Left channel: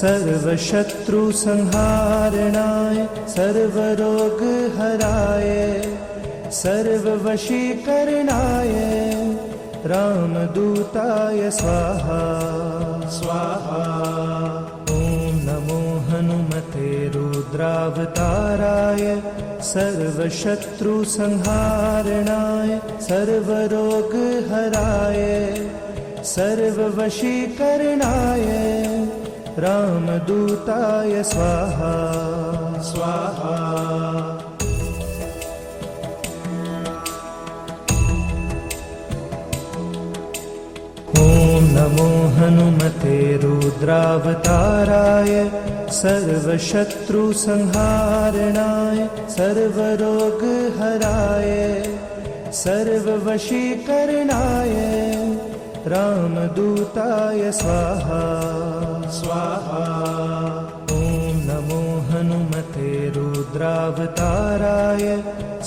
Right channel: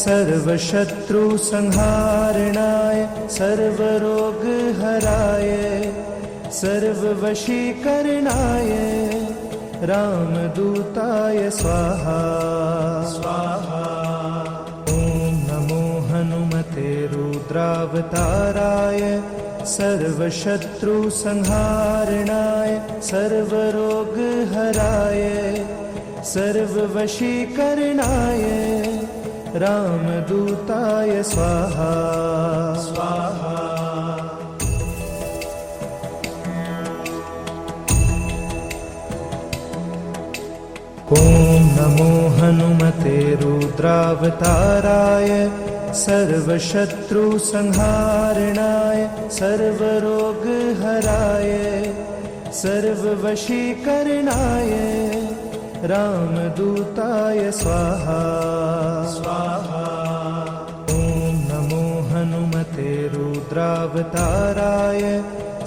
सर्वशत्रुसंहारणाय सर्वरोगहराय सर्ववशीकरणाय रामदूताय स्वाहा स्वाहा। ॐ नमो हनुमते रुद्रावताराय सर्वशत्रुसंहारणाय सर्वरोगहराय सर्ववशीकरणाय रामदूताय स्वाहा स्वाहा। ॐ नमो हनुमते रुद्रावताराय सर्वशत्रुसंहारणाय सर्वरोगहराय सर्ववशीकरणाय रामदूताय स्वाहा स्वाहा। ॐ नमो हनुमते रुद्रावताराय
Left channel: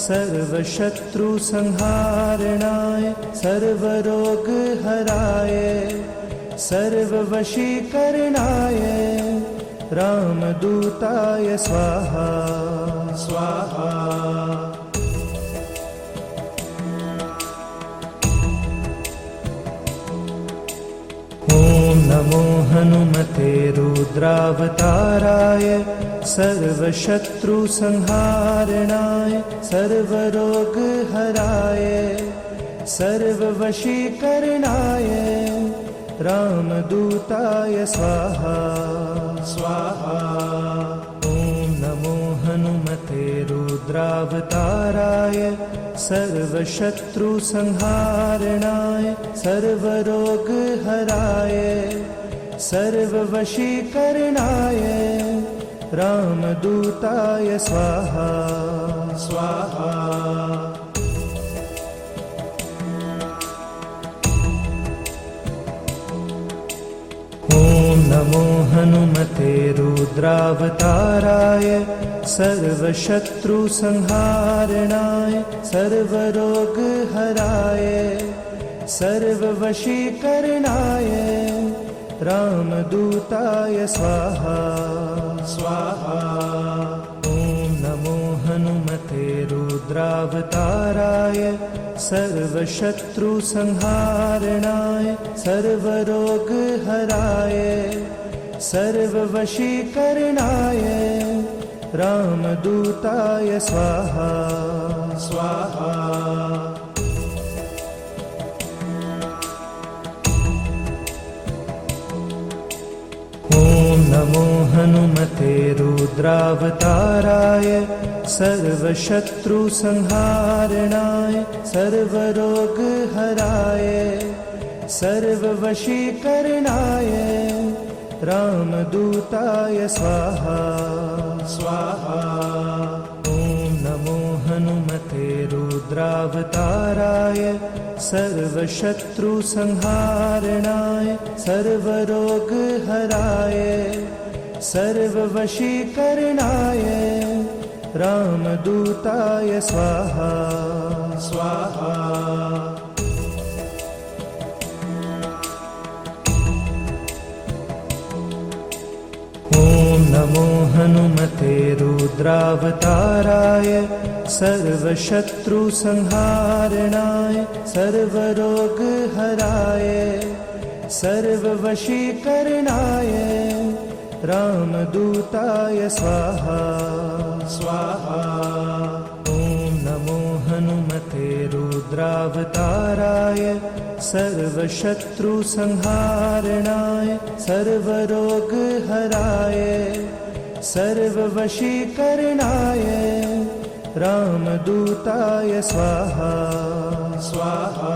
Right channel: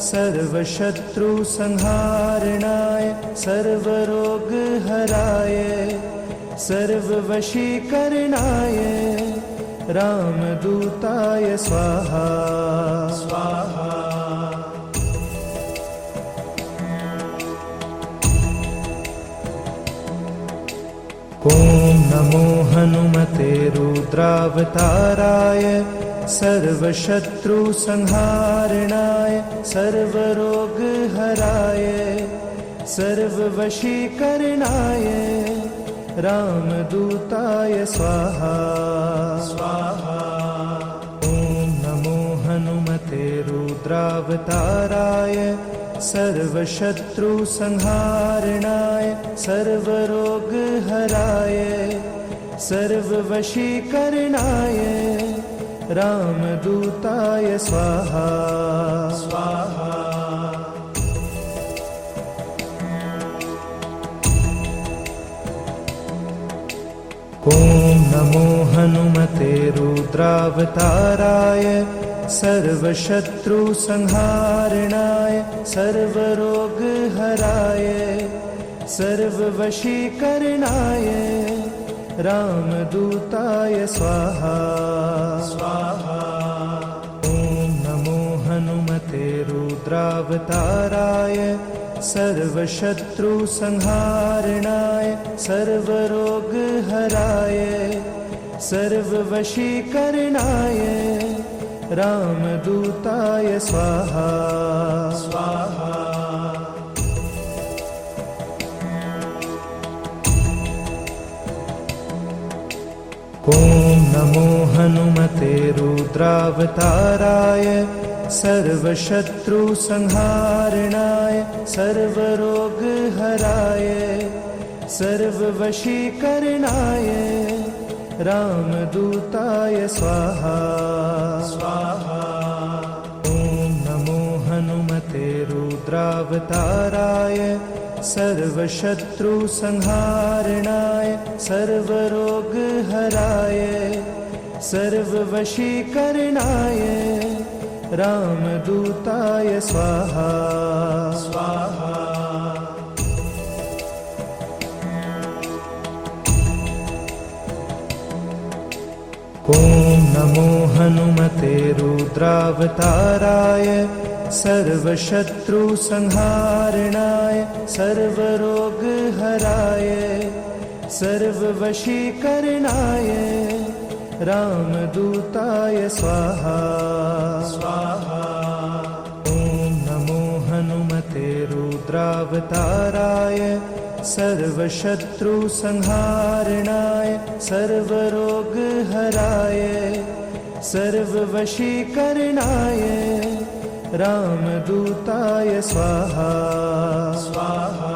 सर्वशत्रुसंहारणाय सर्वरोगहराय सर्ववशीकरणाय रामदूताय स्वाहा स्वाहा। ॐ नमो हनुमते रुद्रावताराय सर्वशत्रुसंहारणाय सर्वरोगहराय सर्ववशीकरणाय रामदूताय स्वाहा स्वाहा। ॐ नमो हनुमते रुद्रावताराय सर्वशत्रुसंहारणाय सर्वरोगहराय सर्ववशीकरणाय रामदूताय स्वाहा स्वाहा। ॐ नमो हनुमते रुद्रावताराय सर्वशत्रुसंहारणाय सर्वरोगहराय सर्ववशीकरणाय रामदूताय स्वाहा स्वाहा। ॐ नमो हनुमते रुद्रावताराय सर्वशत्रुसंहारणाय सर्वरोगहराय सर्ववशीकरणाय रामदूताय स्वाहा स्वाहा। ॐ नमो हनुमते रुद्रावताराय सर्वशत्रुसंहारणाय सर्वरोगहराय सर्ववशीकरणाय रामदूताय स्वाहा स्वाहा। ॐ नमो हनुमते रुद्रावताराय सर्वशत्रुसंहारणाय सर्वरोगहराय सर्ववशीकरणाय रामदूताय स्वाहा स्वाहा। ॐ नमो हनुमते रुद्रावताराय सर्वशत्रुसंहारणाय सर्वरोगहराय सर्ववशीकरणाय रामदूताय स्वाहा स्वाहा। ॐ नमो हनुमते रुद्रावताराय सर्वशत्रुसंहारणाय सर्वरोगहराय सर्ववशीकरणाय रामदूताय स्वाहा स्वाहा।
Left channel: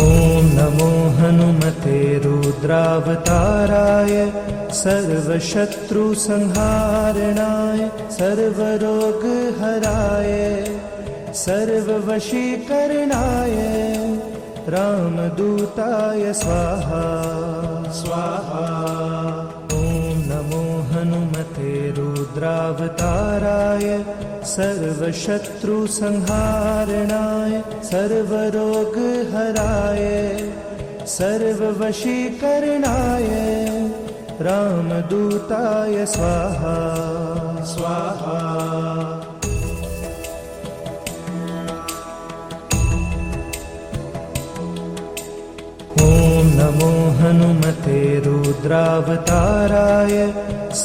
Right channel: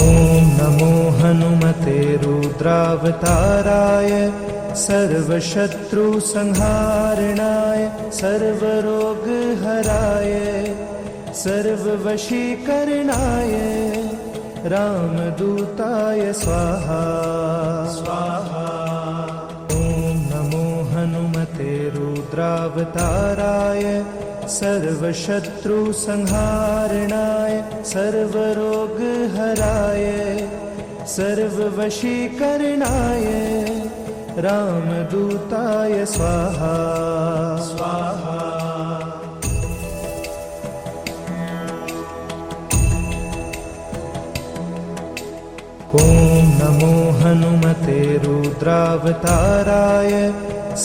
ॐ नमो हनुमते रुद्रावताराय सर्वशत्रुसंहारणाय सर्वरोगहराय सर्ववशीकरणाय रामदूताय स्वाहा स्वाहा। ॐ नमो हनुमते रुद्रावताराय सर्वशत्रुसंहारणाय सर्वरोगहराय सर्ववशीकरणाय रामदूताय स्वाहा स्वाहा। ॐ नमो हनुमते रुद्रावताराय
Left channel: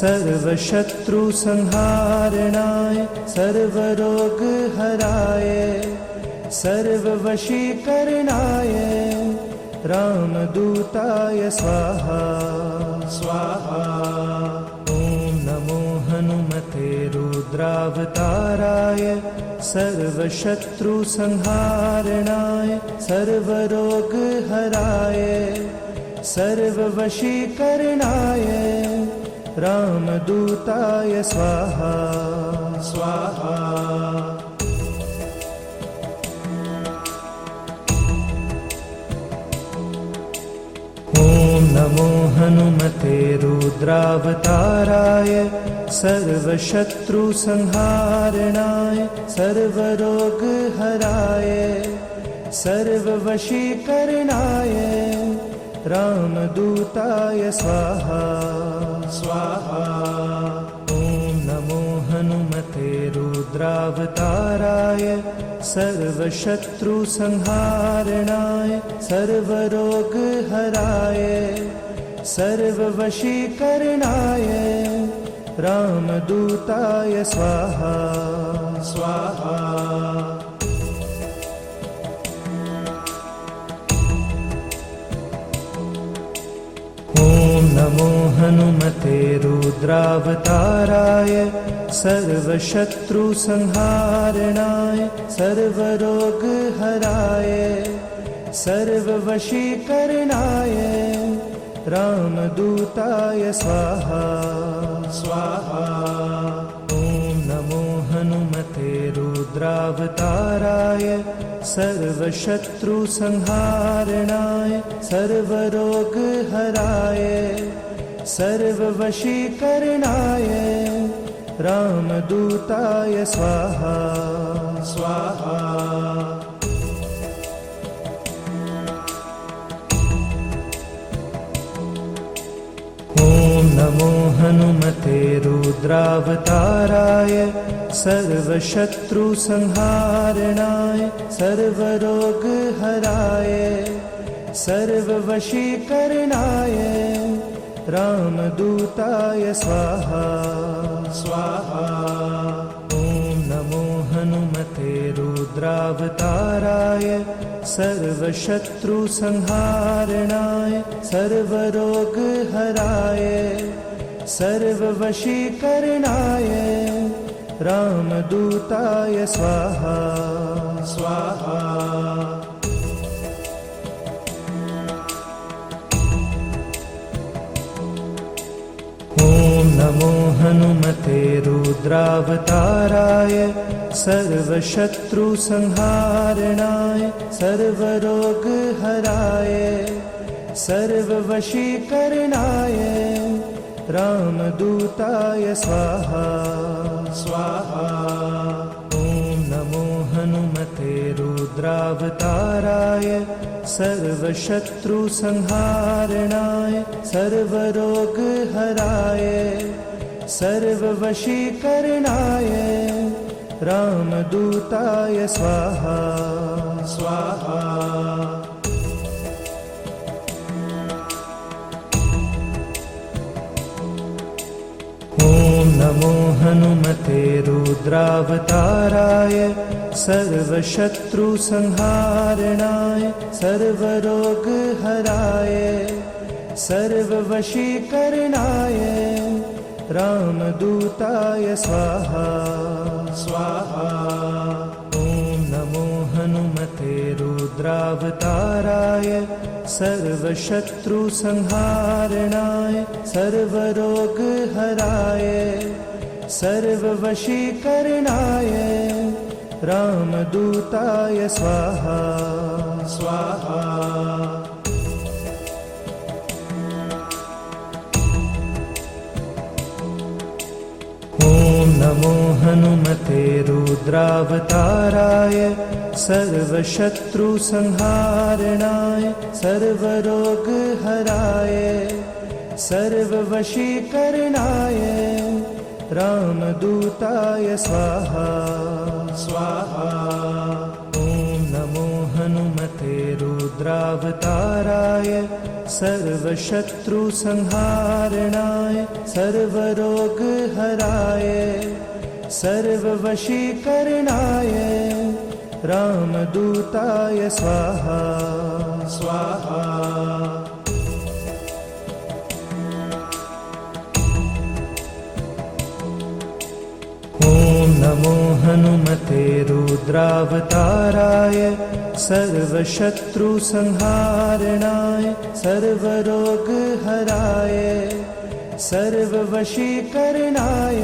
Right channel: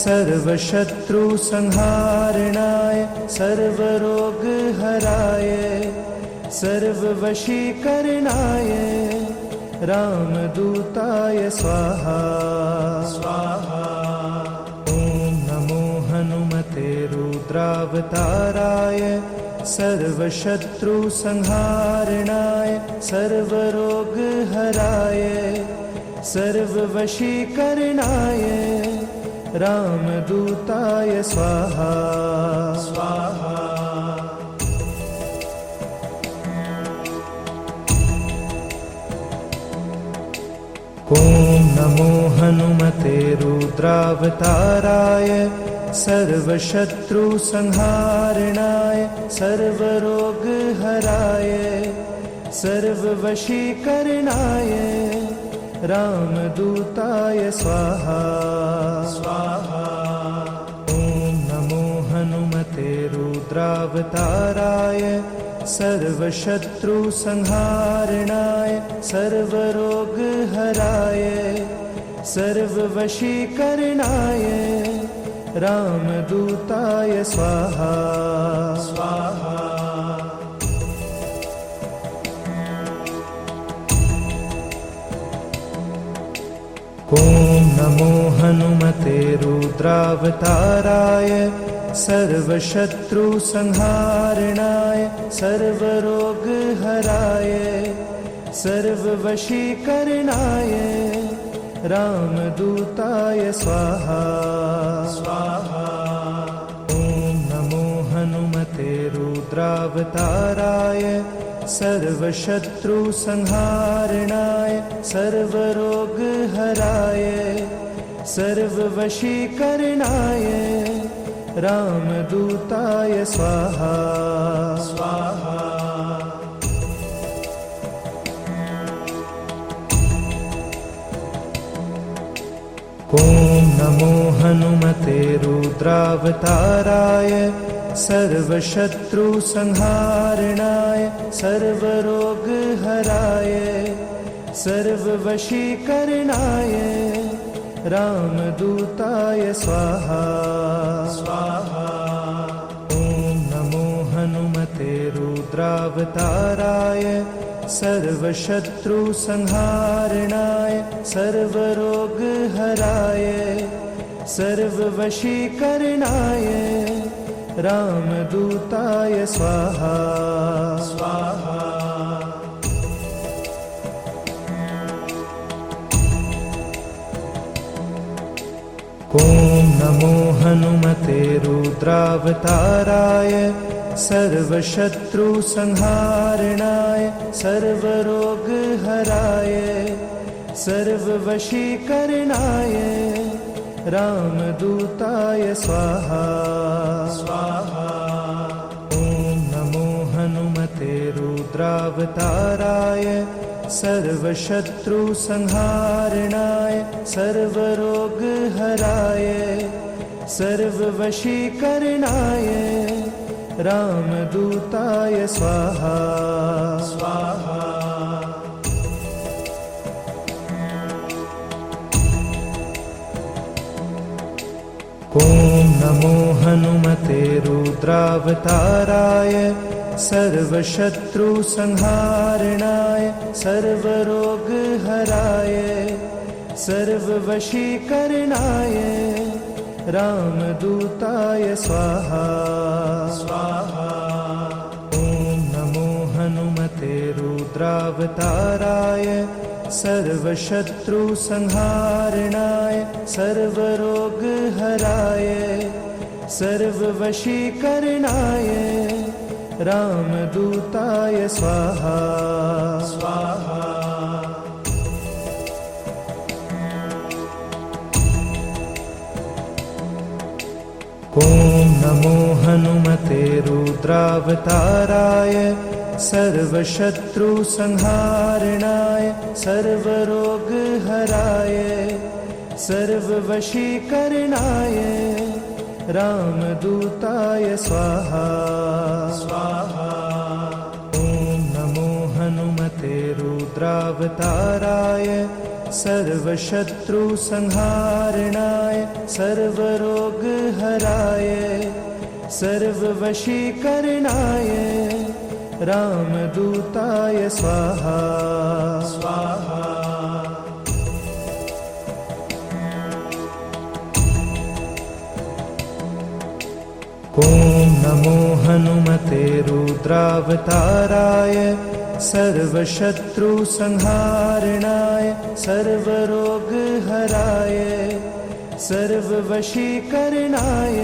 सर्वशत्रुसंहारणाय सर्वरोगहराय सर्ववशीकरणाय रामदूताय स्वाहा स्वाहा। ॐ नमो हनुमते रुद्रावताराय सर्वशत्रुसंहारणाय सर्वरोगहराय सर्ववशीकरणाय रामदूताय स्वाहा स्वाहा। ॐ नमो हनुमते रुद्रावताराय सर्वशत्रुसंहारणाय सर्वरोगहराय सर्ववशीकरणाय रामदूताय स्वाहा स्वाहा। ॐ नमो हनुमते रुद्रावताराय सर्वशत्रुसंहारणाय सर्वरोगहराय सर्ववशीकरणाय रामदूताय स्वाहा स्वाहा। ॐ नमो हनुमते रुद्रावताराय सर्वशत्रुसंहारणाय सर्वरोगहराय सर्ववशीकरणाय रामदूताय स्वाहा स्वाहा। ॐ नमो हनुमते रुद्रावताराय सर्वशत्रुसंहारणाय सर्वरोगहराय सर्ववशीकरणाय रामदूताय स्वाहा स्वाहा। ॐ नमो हनुमते रुद्रावताराय सर्वशत्रुसंहारणाय सर्वरोगहराय सर्ववशीकरणाय रामदूताय स्वाहा स्वाहा। ॐ नमो हनुमते रुद्रावताराय सर्वशत्रुसंहारणाय सर्वरोगहराय सर्ववशीकरणाय रामदूताय स्वाहा स्वाहा। ॐ नमो हनुमते रुद्रावताराय सर्वशत्रुसंहारणाय सर्वरोगहराय सर्ववशीकरणाय रामदूताय स्वाहा स्वाहा। ॐ नमो हनुमते रुद्रावताराय सर्वशत्रुसंहारणाय सर्वरोगहराय सर्ववशीकरणाय रामदूताय स्वाहा स्वाहा। ॐ नमो हनुमते रुद्रावताराय सर्वशत्रुसंहारणाय सर्वरोगहराय सर्ववशीकरणाय रामदूताय स्वाहा स्वाहा। ॐ नमो हनुमते रुद्रावताराय सर्वशत्रुसंहारणाय सर्वरोगहराय सर्ववशीकरणाय रामदूताय स्वाहा स्वाहा। ॐ नमो हनुमते रुद्रावताराय सर्वशत्रुसंहारणाय सर्वरोगहराय सर्ववशीकरणाय रामदूताय स्वाहा स्वाहा। ॐ नमो हनुमते रुद्रावताराय सर्वशत्रुसंहारणाय सर्वरोगहराय सर्ववशीकरणाय रामदूताय स्वाहा स्वाहा। ॐ नमो हनुमते रुद्रावताराय सर्वशत्रुसंहारणाय सर्वरोगहराय सर्ववशीकरणाय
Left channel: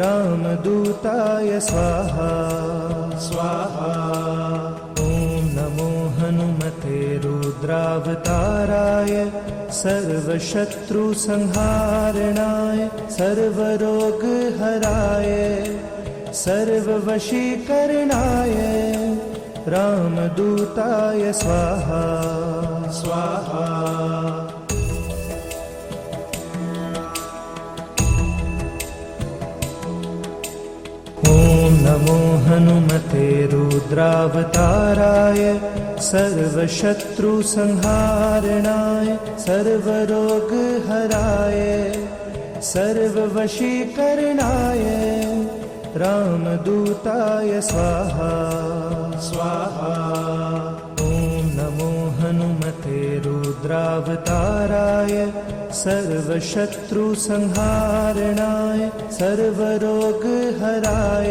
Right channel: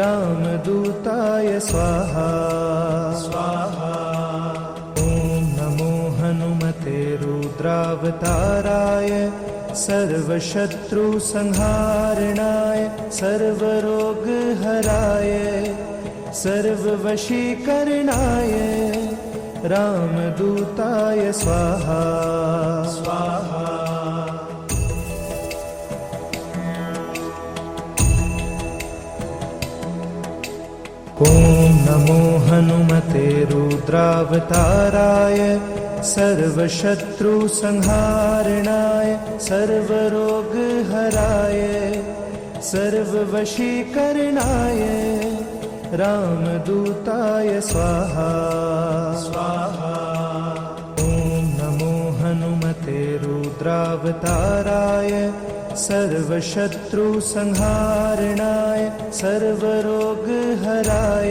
रामदूताय स्वाहा स्वाहा। ॐ नमो हनुमते रुद्रावताराय सर्वशत्रुसंहारणाय सर्वरोगहराय सर्ववशीकरणाय रामदूताय स्वाहा स्वाहा। ॐ नमो हनुमते रुद्रावताराय सर्वशत्रुसंहारणाय सर्वरोगहराय सर्ववशीकरणाय रामदूताय स्वाहा स्वाहा। ॐ नमो हनुमते रुद्रावताराय सर्वशत्रुसंहारणाय सर्वरोगहराय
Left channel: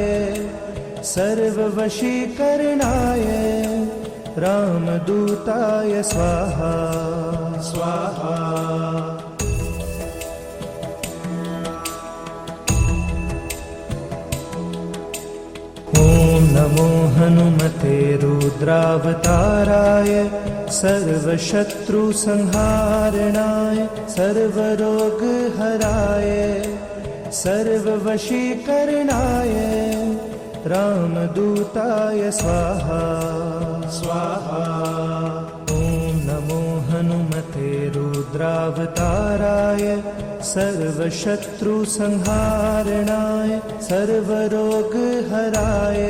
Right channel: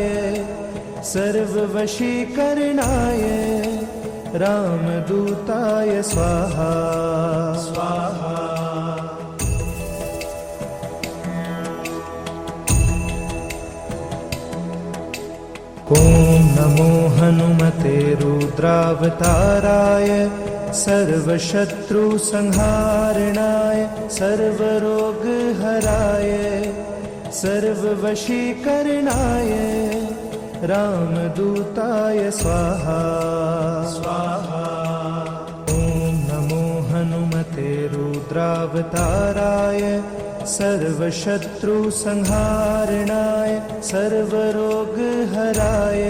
सर्ववशीकरणाय रामदूताय स्वाहा स्वाहा। ॐ नमो हनुमते रुद्रावताराय सर्वशत्रुसंहारणाय सर्वरोगहराय सर्ववशीकरणाय रामदूताय स्वाहा स्वाहा। ॐ नमो हनुमते रुद्रावताराय सर्वशत्रुसंहारणाय सर्वरोगहराय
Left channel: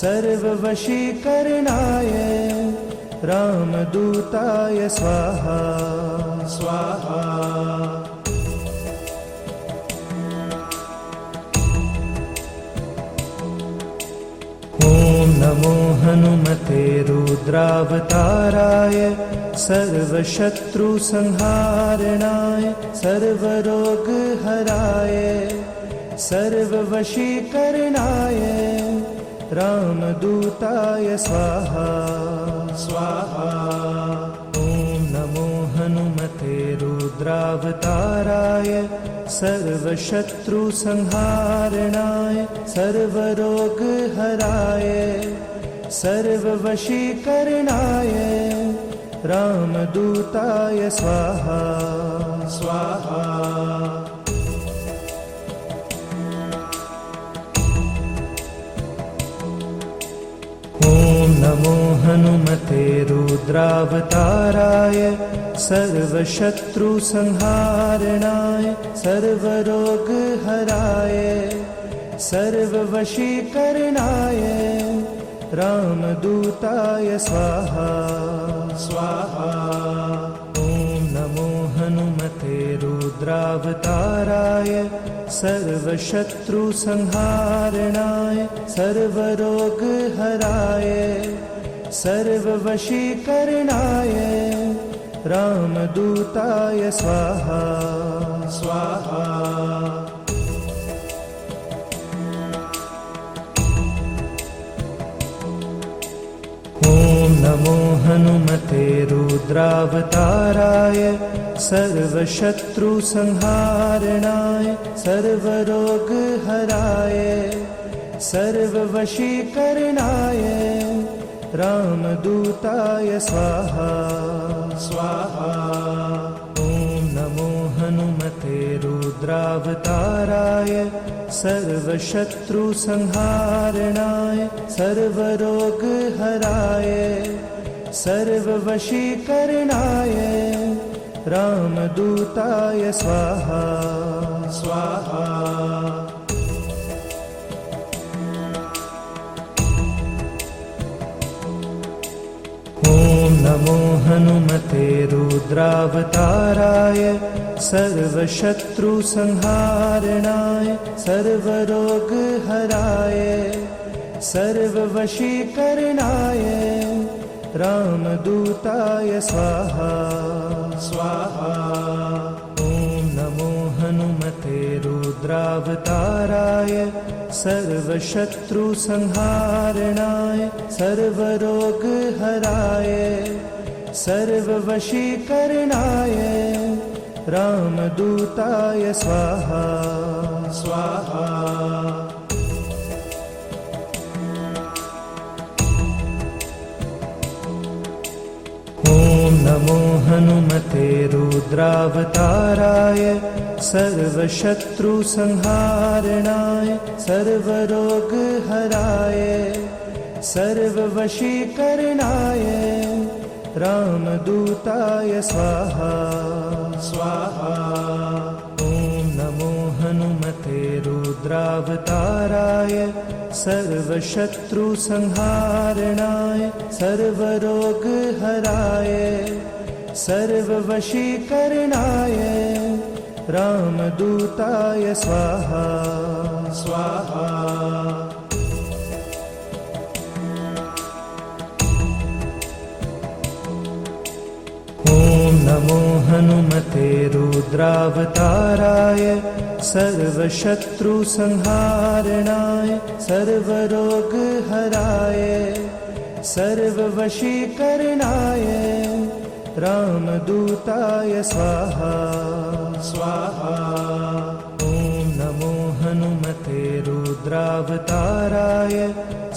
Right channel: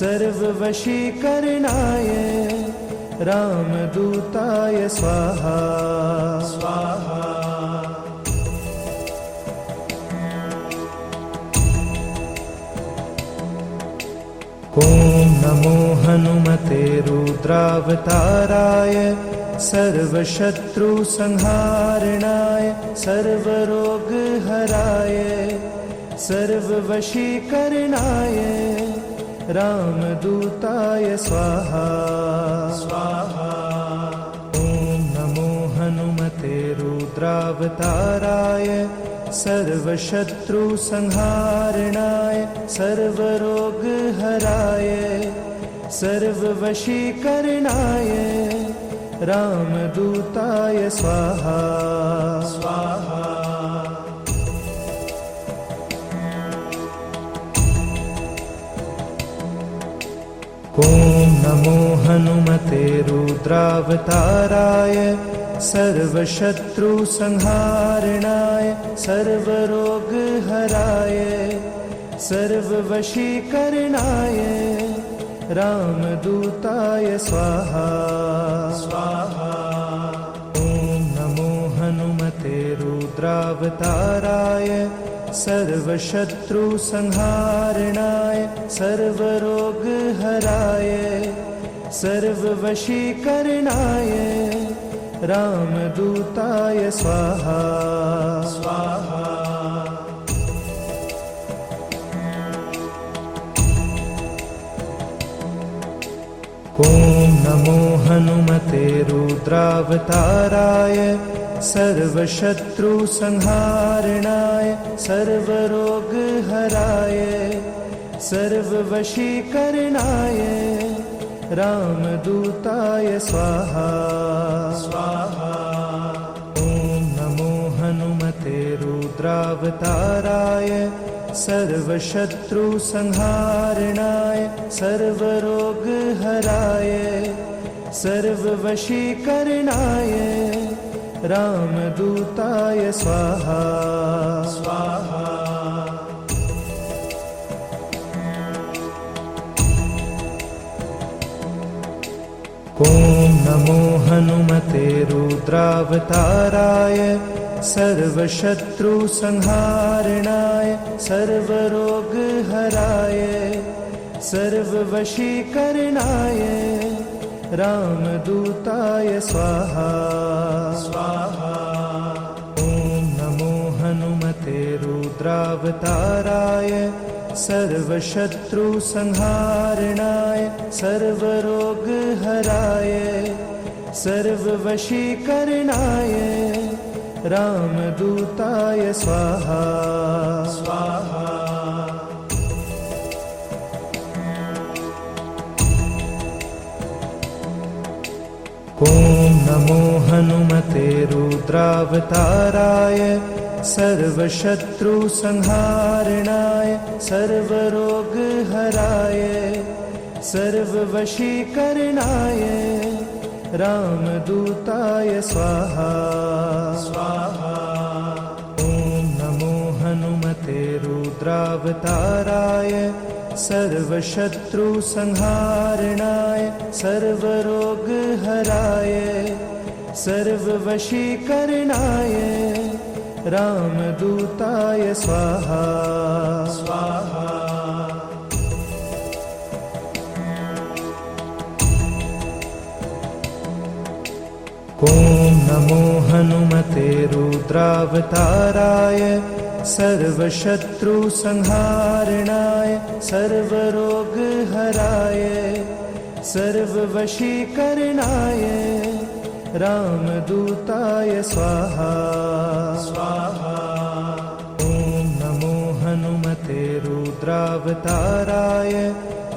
सर्ववशीकरणाय रामदूताय स्वाहा स्वाहा। ॐ नमो हनुमते रुद्रावताराय सर्वशत्रुसंहारणाय सर्वरोगहराय सर्ववशीकरणाय रामदूताय स्वाहा स्वाहा। ॐ नमो हनुमते रुद्रावताराय सर्वशत्रुसंहारणाय सर्वरोगहराय सर्ववशीकरणाय रामदूताय स्वाहा स्वाहा। ॐ नमो हनुमते रुद्रावताराय सर्वशत्रुसंहारणाय सर्वरोगहराय सर्ववशीकरणाय रामदूताय स्वाहा स्वाहा। ॐ नमो हनुमते रुद्रावताराय सर्वशत्रुसंहारणाय सर्वरोगहराय सर्ववशीकरणाय रामदूताय स्वाहा स्वाहा। ॐ नमो हनुमते रुद्रावताराय सर्वशत्रुसंहारणाय सर्वरोगहराय सर्ववशीकरणाय रामदूताय स्वाहा स्वाहा। ॐ नमो हनुमते रुद्रावताराय सर्वशत्रुसंहारणाय सर्वरोगहराय सर्ववशीकरणाय रामदूताय स्वाहा स्वाहा। ॐ नमो हनुमते रुद्रावताराय सर्वशत्रुसंहारणाय सर्वरोगहराय सर्ववशीकरणाय रामदूताय स्वाहा स्वाहा। ॐ नमो हनुमते रुद्रावताराय सर्वशत्रुसंहारणाय सर्वरोगहराय सर्ववशीकरणाय रामदूताय स्वाहा स्वाहा। ॐ नमो हनुमते रुद्रावताराय सर्वशत्रुसंहारणाय सर्वरोगहराय सर्ववशीकरणाय रामदूताय स्वाहा स्वाहा। ॐ नमो हनुमते रुद्रावताराय सर्वशत्रुसंहारणाय सर्वरोगहराय सर्ववशीकरणाय रामदूताय स्वाहा स्वाहा। ॐ नमो हनुमते रुद्रावताराय सर्वशत्रुसंहारणाय सर्वरोगहराय सर्ववशीकरणाय रामदूताय स्वाहा स्वाहा। ॐ नमो हनुमते रुद्रावताराय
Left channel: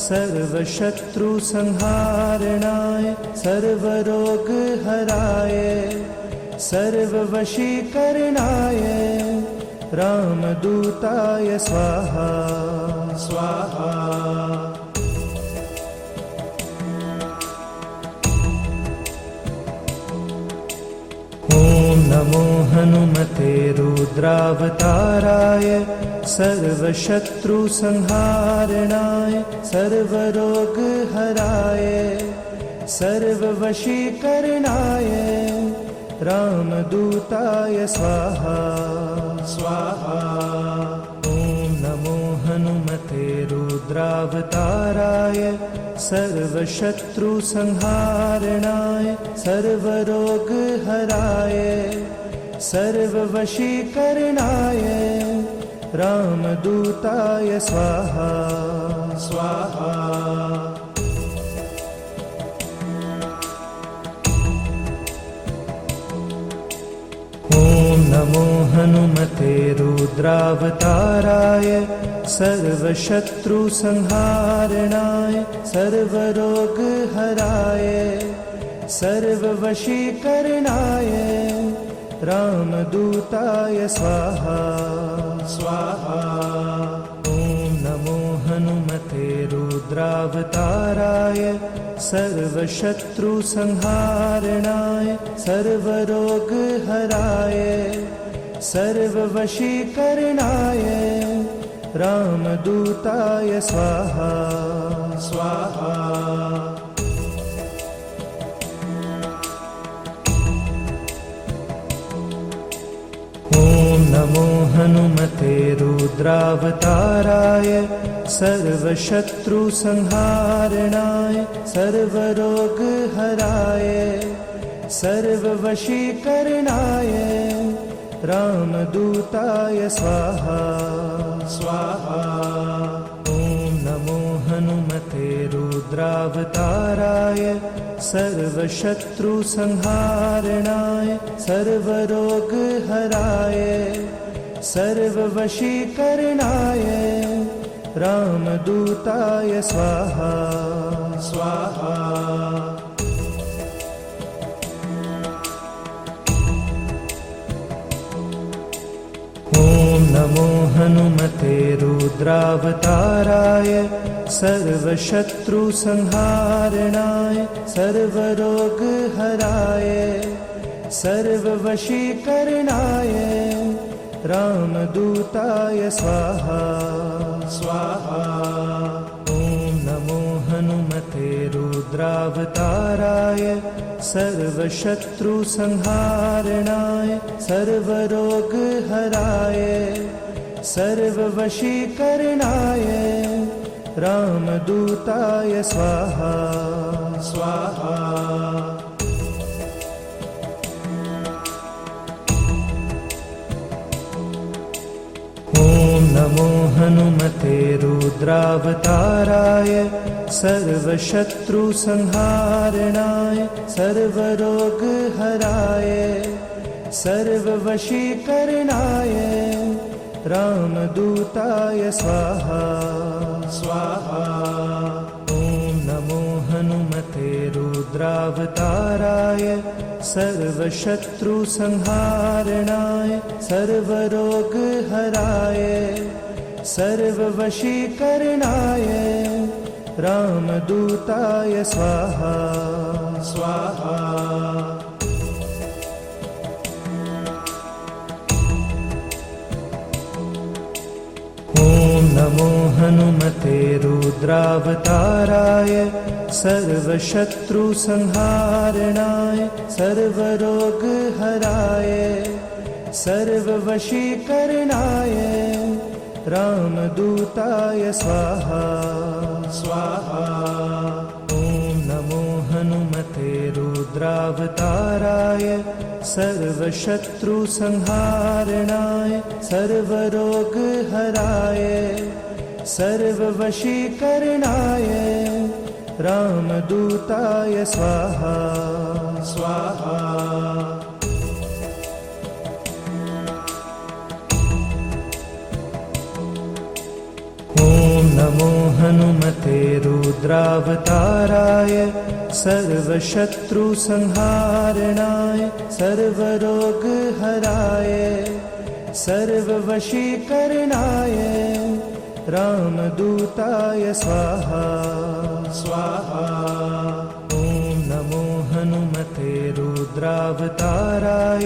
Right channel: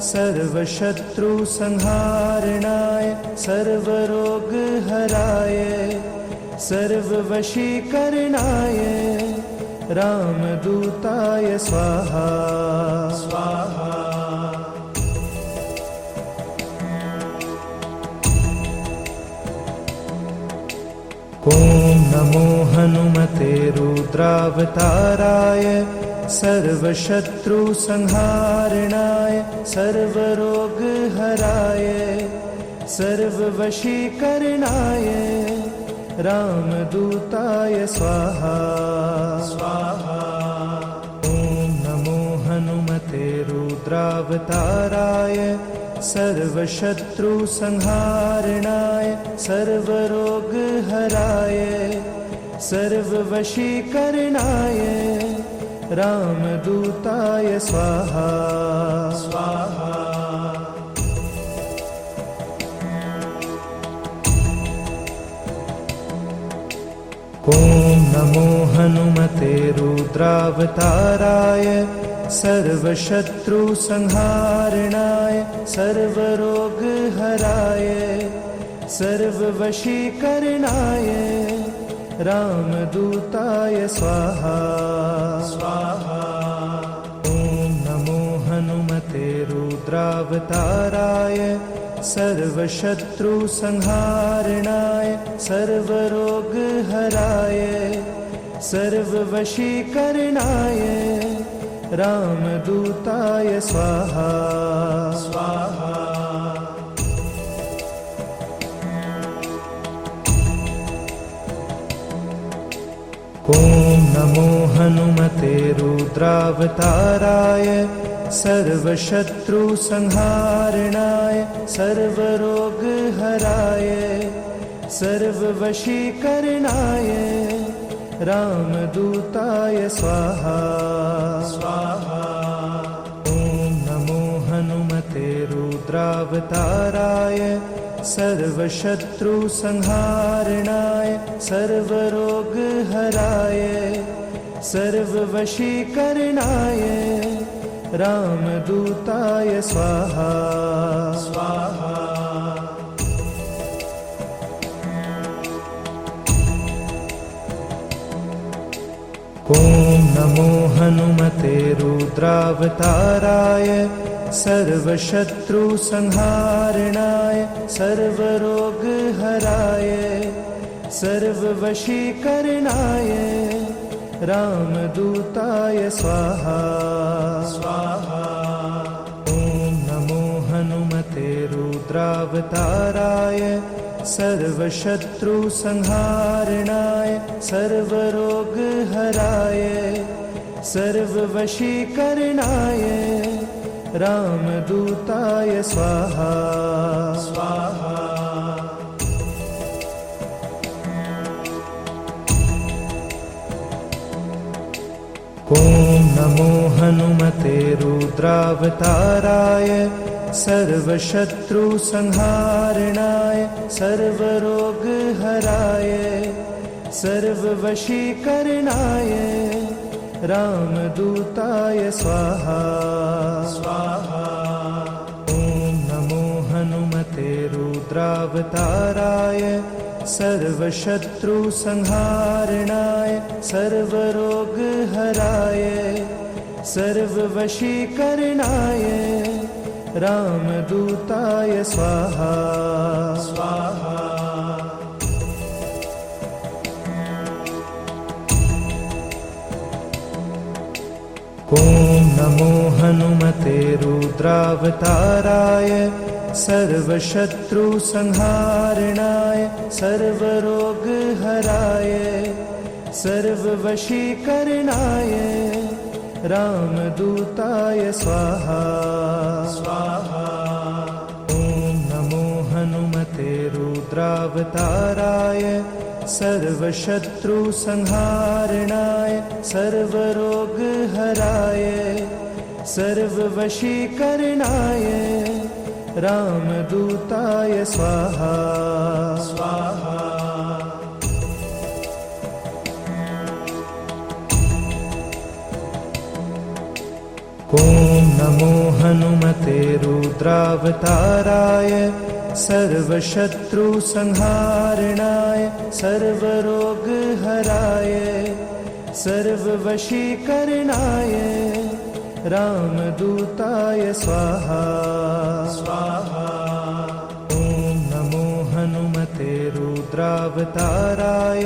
सर्वशत्रुसंहारणाय सर्वरोगहराय सर्ववशीकरणाय रामदूताय स्वाहा स्वाहा। ॐ नमो हनुमते रुद्रावताराय सर्वशत्रुसंहारणाय सर्वरोगहराय सर्ववशीकरणाय रामदूताय स्वाहा स्वाहा। ॐ नमो हनुमते रुद्रावताराय सर्वशत्रुसंहारणाय सर्वरोगहराय सर्ववशीकरणाय रामदूताय स्वाहा स्वाहा। ॐ नमो हनुमते रुद्रावताराय सर्वशत्रुसंहारणाय सर्वरोगहराय सर्ववशीकरणाय रामदूताय स्वाहा स्वाहा। ॐ नमो हनुमते रुद्रावताराय सर्वशत्रुसंहारणाय सर्वरोगहराय सर्ववशीकरणाय रामदूताय स्वाहा स्वाहा। ॐ नमो हनुमते रुद्रावताराय सर्वशत्रुसंहारणाय सर्वरोगहराय सर्ववशीकरणाय रामदूताय स्वाहा स्वाहा। ॐ नमो हनुमते रुद्रावताराय सर्वशत्रुसंहारणाय सर्वरोगहराय सर्ववशीकरणाय रामदूताय स्वाहा स्वाहा। ॐ नमो हनुमते रुद्रावताराय सर्वशत्रुसंहारणाय सर्वरोगहराय सर्ववशीकरणाय रामदूताय स्वाहा स्वाहा। ॐ नमो हनुमते रुद्रावताराय सर्वशत्रुसंहारणाय सर्वरोगहराय सर्ववशीकरणाय रामदूताय स्वाहा स्वाहा। ॐ नमो हनुमते रुद्रावताराय सर्वशत्रुसंहारणाय सर्वरोगहराय सर्ववशीकरणाय रामदूताय स्वाहा स्वाहा। ॐ नमो हनुमते रुद्रावताराय सर्वशत्रुसंहारणाय सर्वरोगहराय सर्ववशीकरणाय रामदूताय स्वाहा स्वाहा। ॐ नमो हनुमते रुद्रावताराय सर्वशत्रुसंहारणाय सर्वरोगहराय सर्ववशीकरणाय रामदूताय स्वाहा स्वाहा। ॐ नमो हनुमते रुद्रावताराय सर्वशत्रुसंहारणाय सर्वरोगहराय सर्ववशीकरणाय रामदूताय स्वाहा स्वाहा। ॐ नमो हनुमते रुद्रावताराय सर्वशत्रुसंहारणाय सर्वरोगहराय सर्ववशीकरणाय रामदूताय स्वाहा स्वाहा। ॐ नमो हनुमते रुद्रावताराय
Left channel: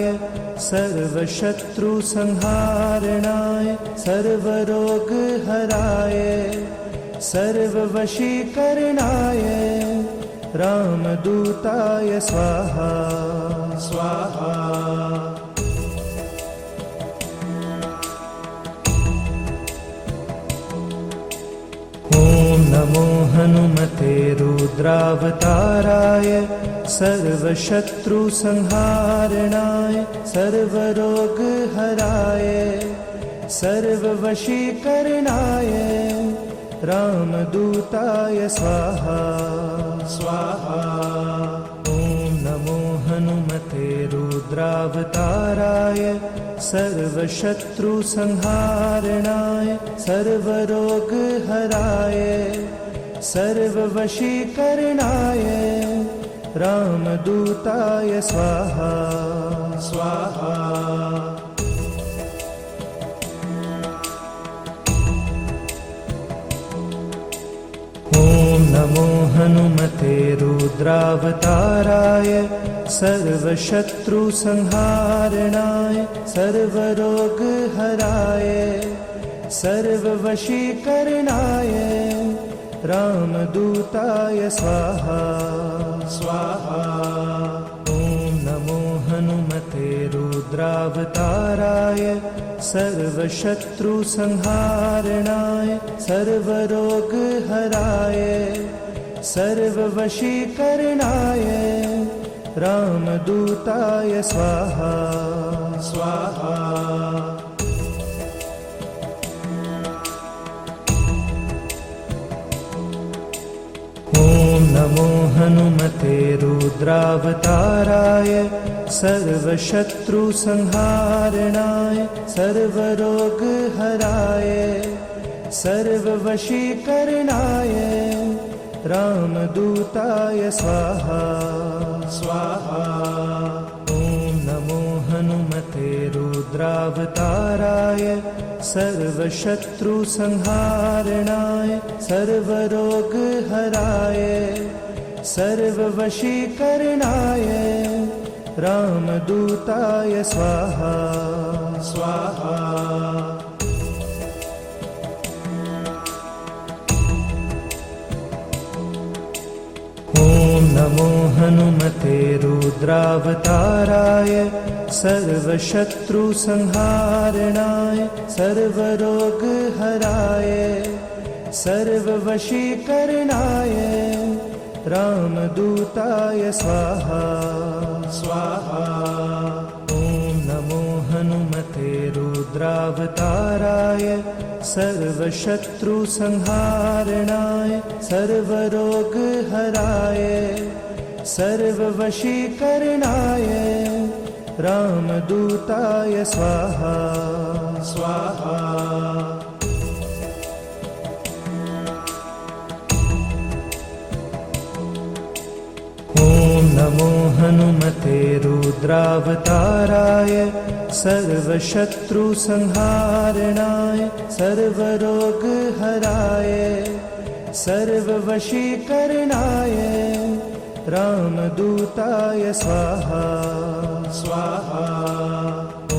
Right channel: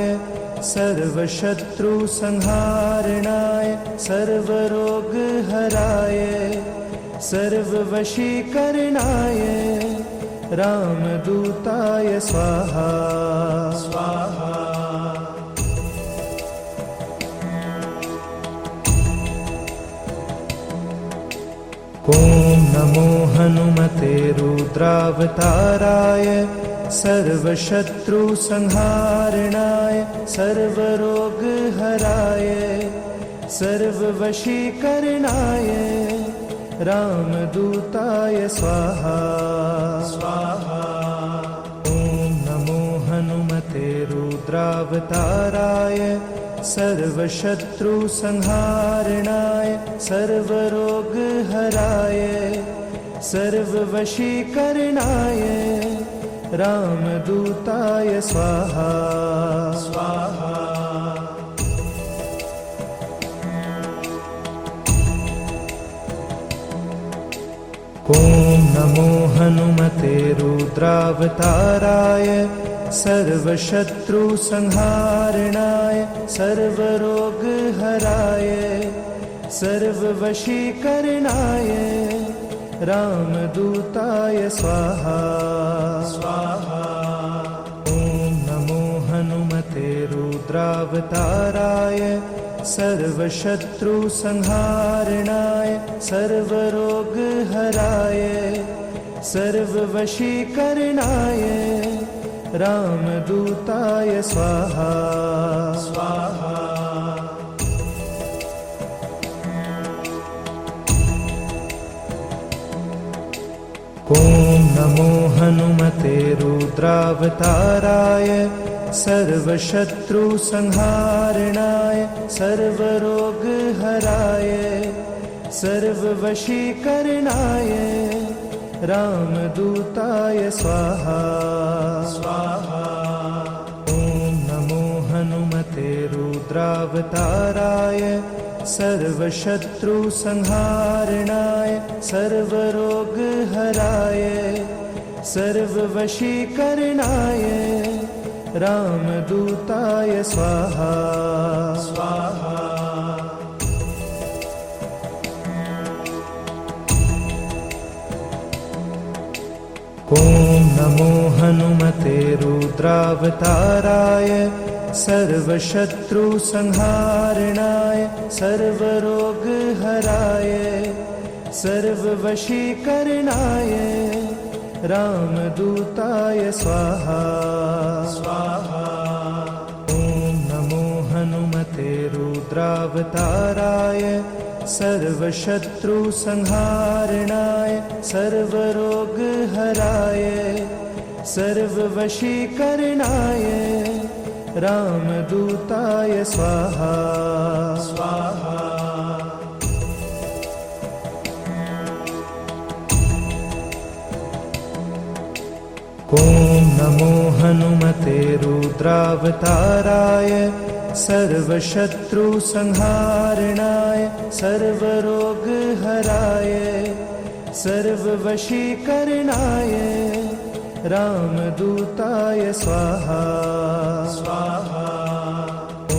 सर्वशत्रुसंहारणाय सर्वरोगहराय सर्ववशीकरणाय रामदूताय स्वाहा स्वाहा। ॐ नमो हनुमते रुद्रावताराय सर्वशत्रुसंहारणाय सर्वरोगहराय सर्ववशीकरणाय रामदूताय स्वाहा स्वाहा। ॐ नमो हनुमते रुद्रावताराय सर्वशत्रुसंहारणाय सर्वरोगहराय सर्ववशीकरणाय रामदूताय स्वाहा स्वाहा। ॐ नमो हनुमते रुद्रावताराय सर्वशत्रुसंहारणाय सर्वरोगहराय सर्ववशीकरणाय रामदूताय स्वाहा स्वाहा। ॐ नमो हनुमते रुद्रावताराय सर्वशत्रुसंहारणाय सर्वरोगहराय सर्ववशीकरणाय रामदूताय स्वाहा स्वाहा। ॐ नमो हनुमते रुद्रावताराय सर्वशत्रुसंहारणाय सर्वरोगहराय सर्ववशीकरणाय रामदूताय स्वाहा स्वाहा। ॐ नमो हनुमते रुद्रावताराय सर्वशत्रुसंहारणाय सर्वरोगहराय सर्ववशीकरणाय रामदूताय स्वाहा स्वाहा। ॐ नमो हनुमते रुद्रावताराय सर्वशत्रुसंहारणाय सर्वरोगहराय सर्ववशीकरणाय रामदूताय स्वाहा स्वाहा। ॐ नमो हनुमते रुद्रावताराय सर्वशत्रुसंहारणाय सर्वरोगहराय सर्ववशीकरणाय रामदूताय स्वाहा स्वाहा। ॐ नमो हनुमते रुद्रावताराय सर्वशत्रुसंहारणाय सर्वरोगहराय सर्ववशीकरणाय रामदूताय स्वाहा स्वाहा। ॐ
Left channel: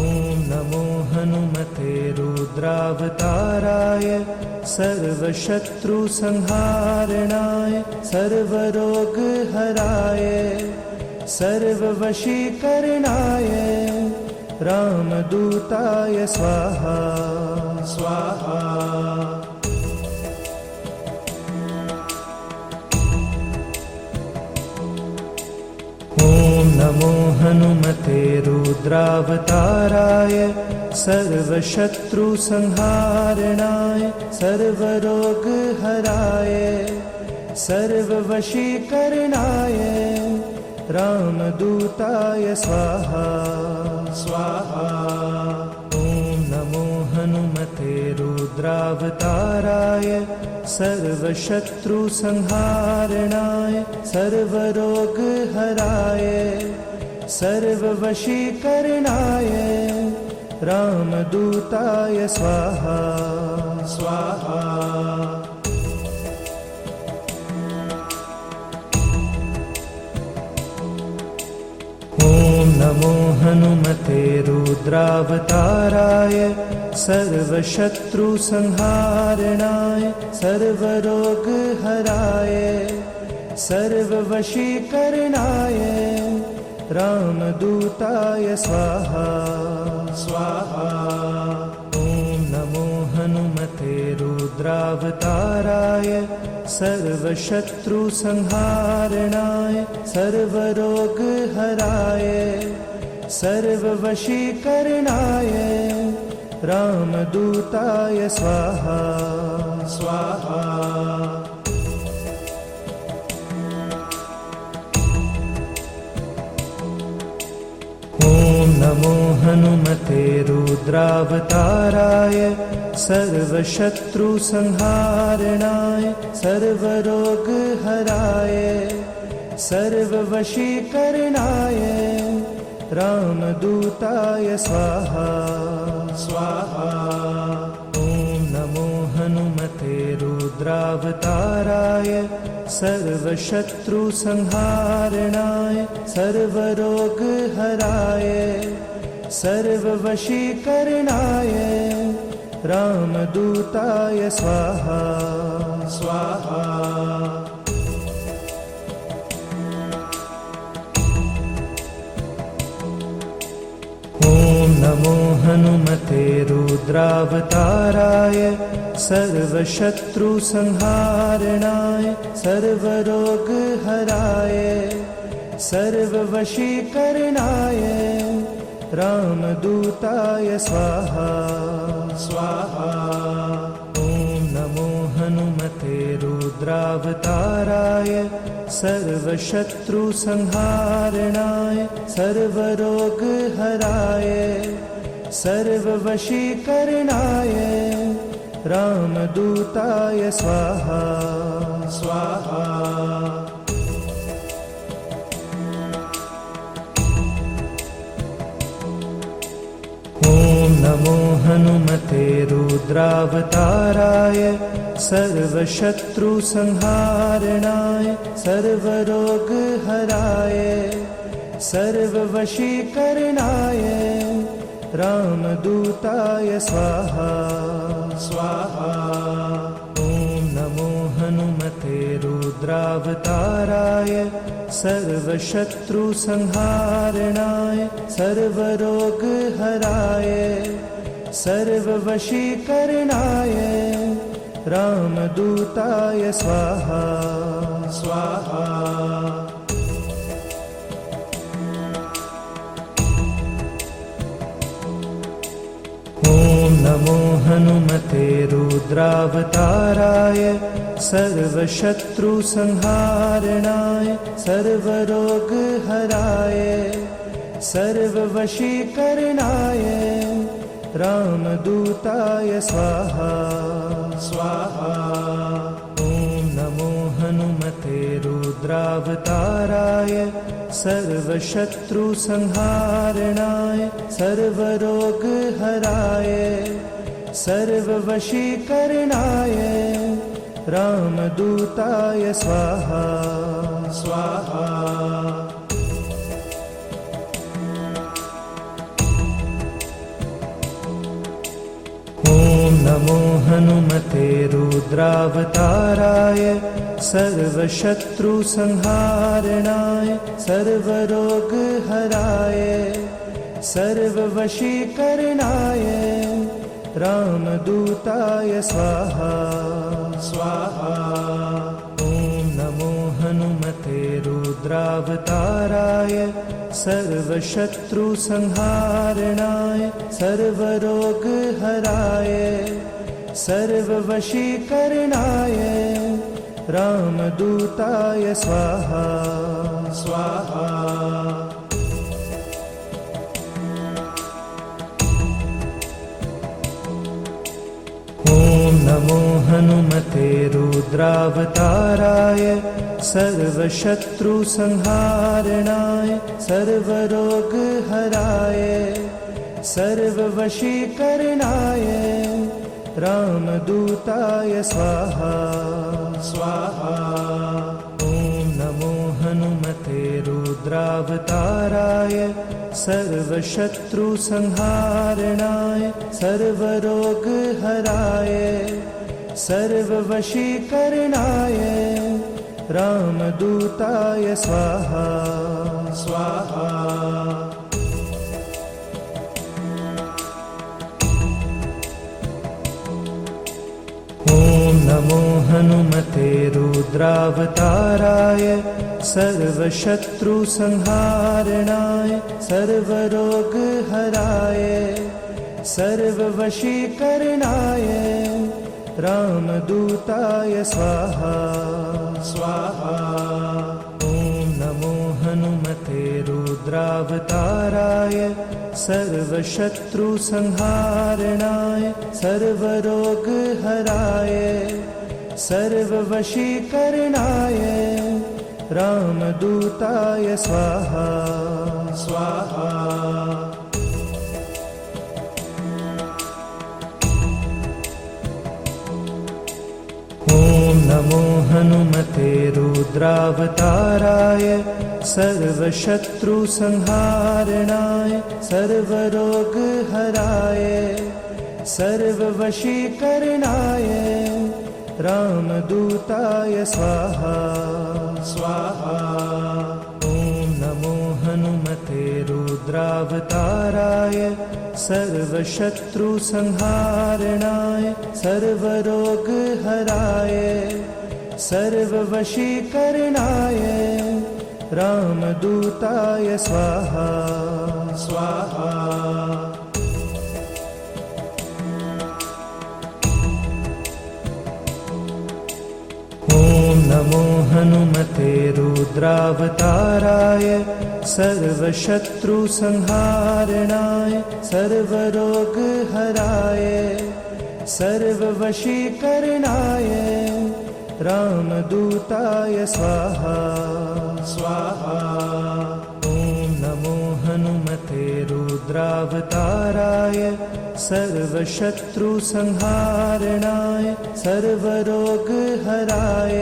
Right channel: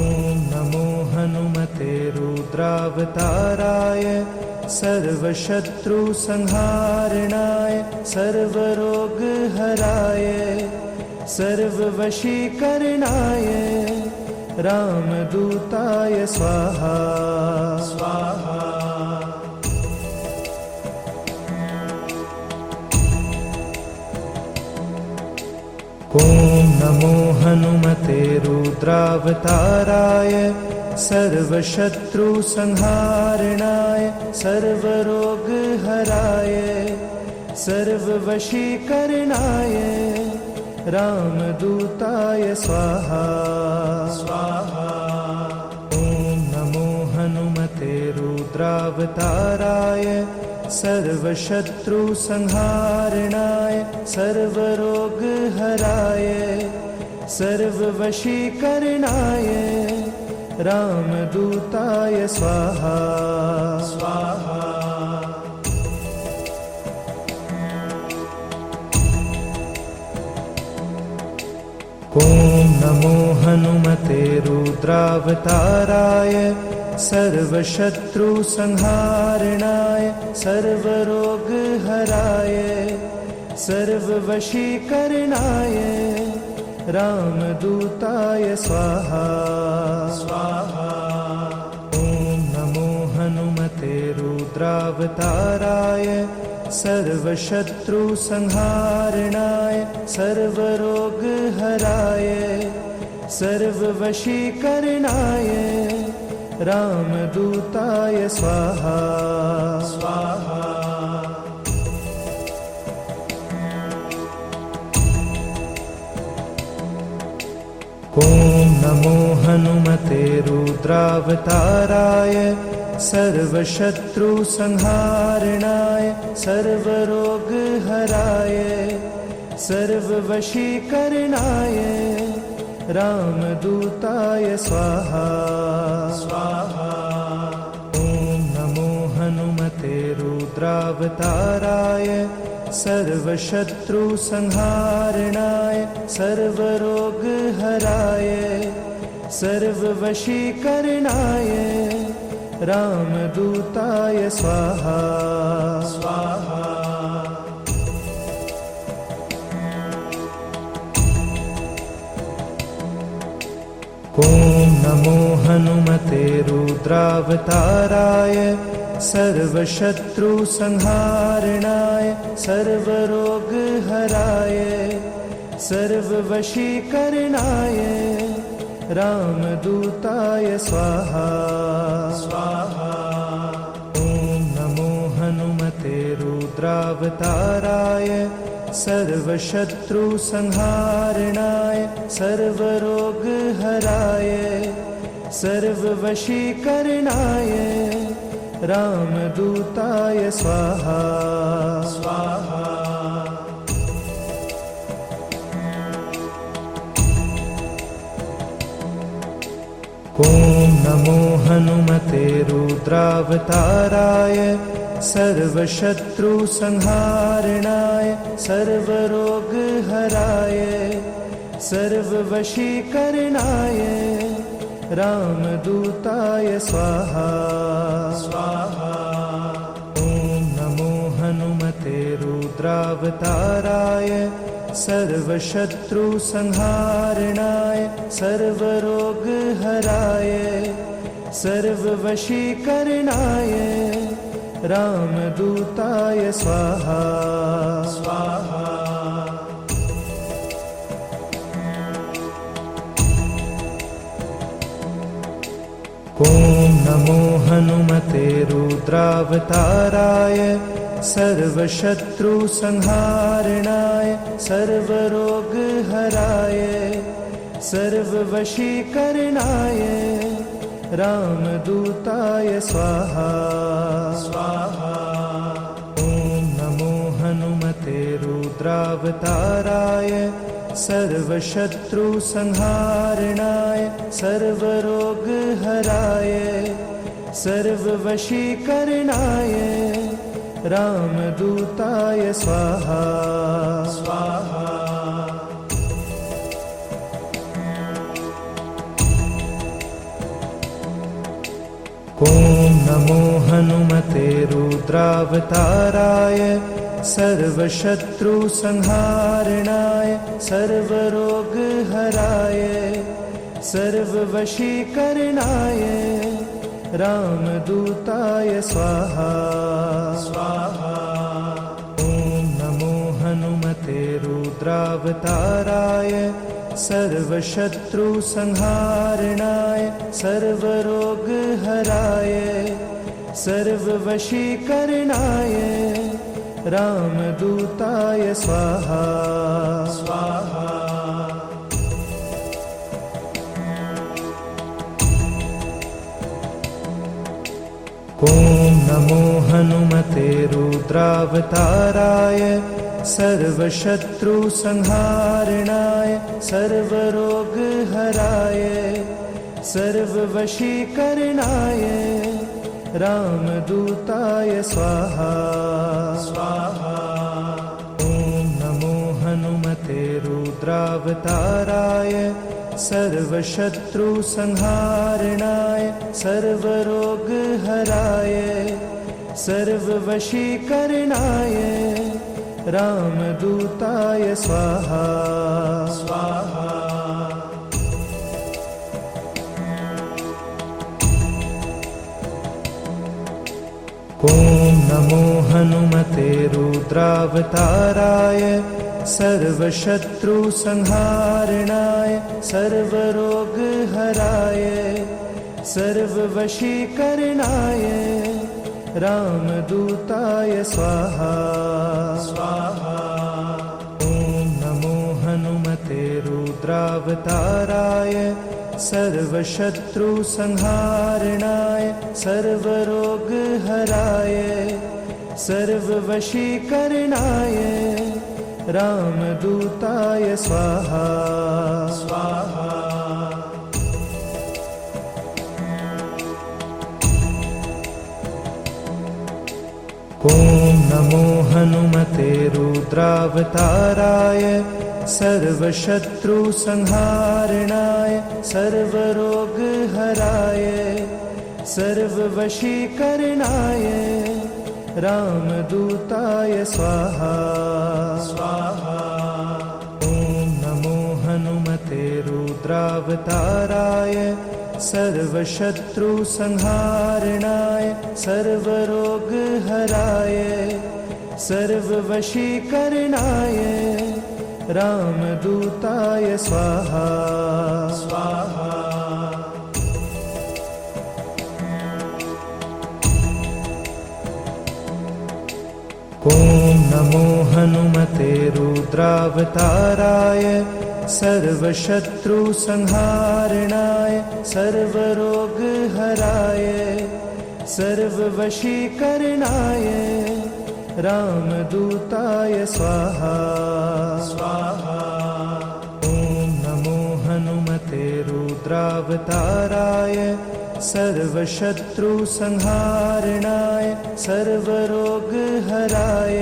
नमो हनुमते रुद्रावताराय सर्वशत्रुसंहारणाय सर्वरोगहराय सर्ववशीकरणाय रामदूताय स्वाहा स्वाहा। ॐ नमो हनुमते रुद्रावताराय सर्वशत्रुसंहारणाय सर्वरोगहराय सर्ववशीकरणाय रामदूताय स्वाहा स्वाहा। ॐ नमो हनुमते रुद्रावताराय सर्वशत्रुसंहारणाय सर्वरोगहराय सर्ववशीकरणाय रामदूताय स्वाहा स्वाहा। ॐ नमो हनुमते रुद्रावताराय सर्वशत्रुसंहारणाय सर्वरोगहराय सर्ववशीकरणाय रामदूताय स्वाहा स्वाहा। ॐ नमो हनुमते रुद्रावताराय सर्वशत्रुसंहारणाय सर्वरोगहराय सर्ववशीकरणाय रामदूताय स्वाहा स्वाहा। ॐ नमो हनुमते रुद्रावताराय सर्वशत्रुसंहारणाय सर्वरोगहराय सर्ववशीकरणाय रामदूताय स्वाहा स्वाहा। ॐ नमो हनुमते रुद्रावताराय सर्वशत्रुसंहारणाय सर्वरोगहराय सर्ववशीकरणाय रामदूताय स्वाहा स्वाहा। ॐ नमो हनुमते रुद्रावताराय सर्वशत्रुसंहारणाय सर्वरोगहराय सर्ववशीकरणाय रामदूताय स्वाहा स्वाहा। ॐ नमो हनुमते रुद्रावताराय सर्वशत्रुसंहारणाय सर्वरोगहराय सर्ववशीकरणाय रामदूताय स्वाहा स्वाहा। ॐ नमो हनुमते रुद्रावताराय सर्वशत्रुसंहारणाय सर्वरोगहराय सर्ववशीकरणाय रामदूताय स्वाहा स्वाहा। ॐ नमो हनुमते रुद्रावताराय सर्वशत्रुसंहारणाय सर्वरोगहराय सर्ववशीकरणाय रामदूताय स्वाहा स्वाहा। ॐ नमो हनुमते रुद्रावताराय सर्वशत्रुसंहारणाय सर्वरोगहराय सर्ववशीकरणाय रामदूताय स्वाहा स्वाहा। ॐ नमो हनुमते रुद्रावताराय सर्वशत्रुसंहारणाय सर्वरोगहराय सर्ववशीकरणाय रामदूताय स्वाहा स्वाहा। ॐ नमो हनुमते रुद्रावताराय सर्वशत्रुसंहारणाय सर्वरोगहराय सर्ववशीकरणाय रामदूताय स्वाहा स्वाहा। ॐ नमो हनुमते रुद्रावताराय सर्वशत्रुसंहारणाय सर्वरोगहराय सर्ववशीकरणाय रामदूताय स्वाहा स्वाहा। ॐ नमो हनुमते रुद्रावताराय सर्वशत्रुसंहारणाय सर्वरोगहराय सर्ववशीकरणाय रामदूताय स्वाहा स्वाहा। ॐ नमो हनुमते रुद्रावताराय सर्वशत्रुसंहारणाय सर्वरोगहराय सर्ववशीकरणाय रामदूताय स्वाहा स्वाहा। ॐ नमो हनुमते रुद्रावताराय सर्वशत्रुसंहारणाय सर्वरोगहराय सर्ववशीकरणाय रामदूताय स्वाहा स्वाहा। ॐ नमो हनुमते रुद्रावताराय सर्वशत्रुसंहारणाय सर्वरोगहराय सर्ववशीकरणाय रामदूताय स्वाहा स्वाहा। ॐ नमो हनुमते रुद्रावताराय सर्वशत्रुसंहारणाय सर्वरोगहराय सर्ववशीकरणाय रामदूताय स्वाहा स्वाहा। ॐ नमो हनुमते रुद्रावताराय सर्वशत्रुसंहारणाय सर्वरोगहराय सर्ववशीकरणाय रामदूताय स्वाहा स्वाहा। ॐ नमो हनुमते रुद्रावताराय सर्वशत्रुसंहारणाय सर्वरोगहराय सर्ववशीकरणाय रामदूताय स्वाहा स्वाहा। ॐ नमो हनुमते रुद्रावताराय सर्वशत्रुसंहारणाय सर्वरोगहराय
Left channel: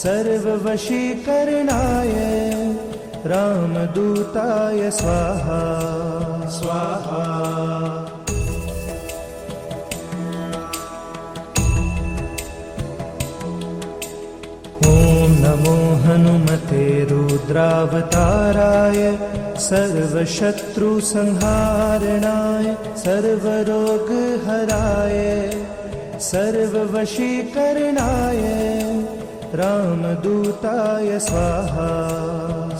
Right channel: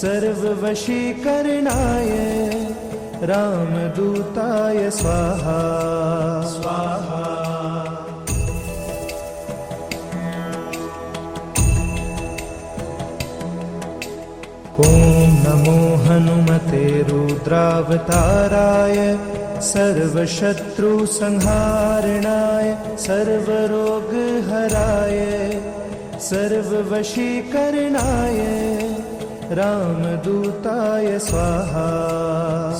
सर्ववशीकरणाय रामदूताय स्वाहा स्वाहा। ॐ नमो हनुमते रुद्रावताराय सर्वशत्रुसंहारणाय सर्वरोगहराय सर्ववशीकरणाय रामदूताय स्वाहा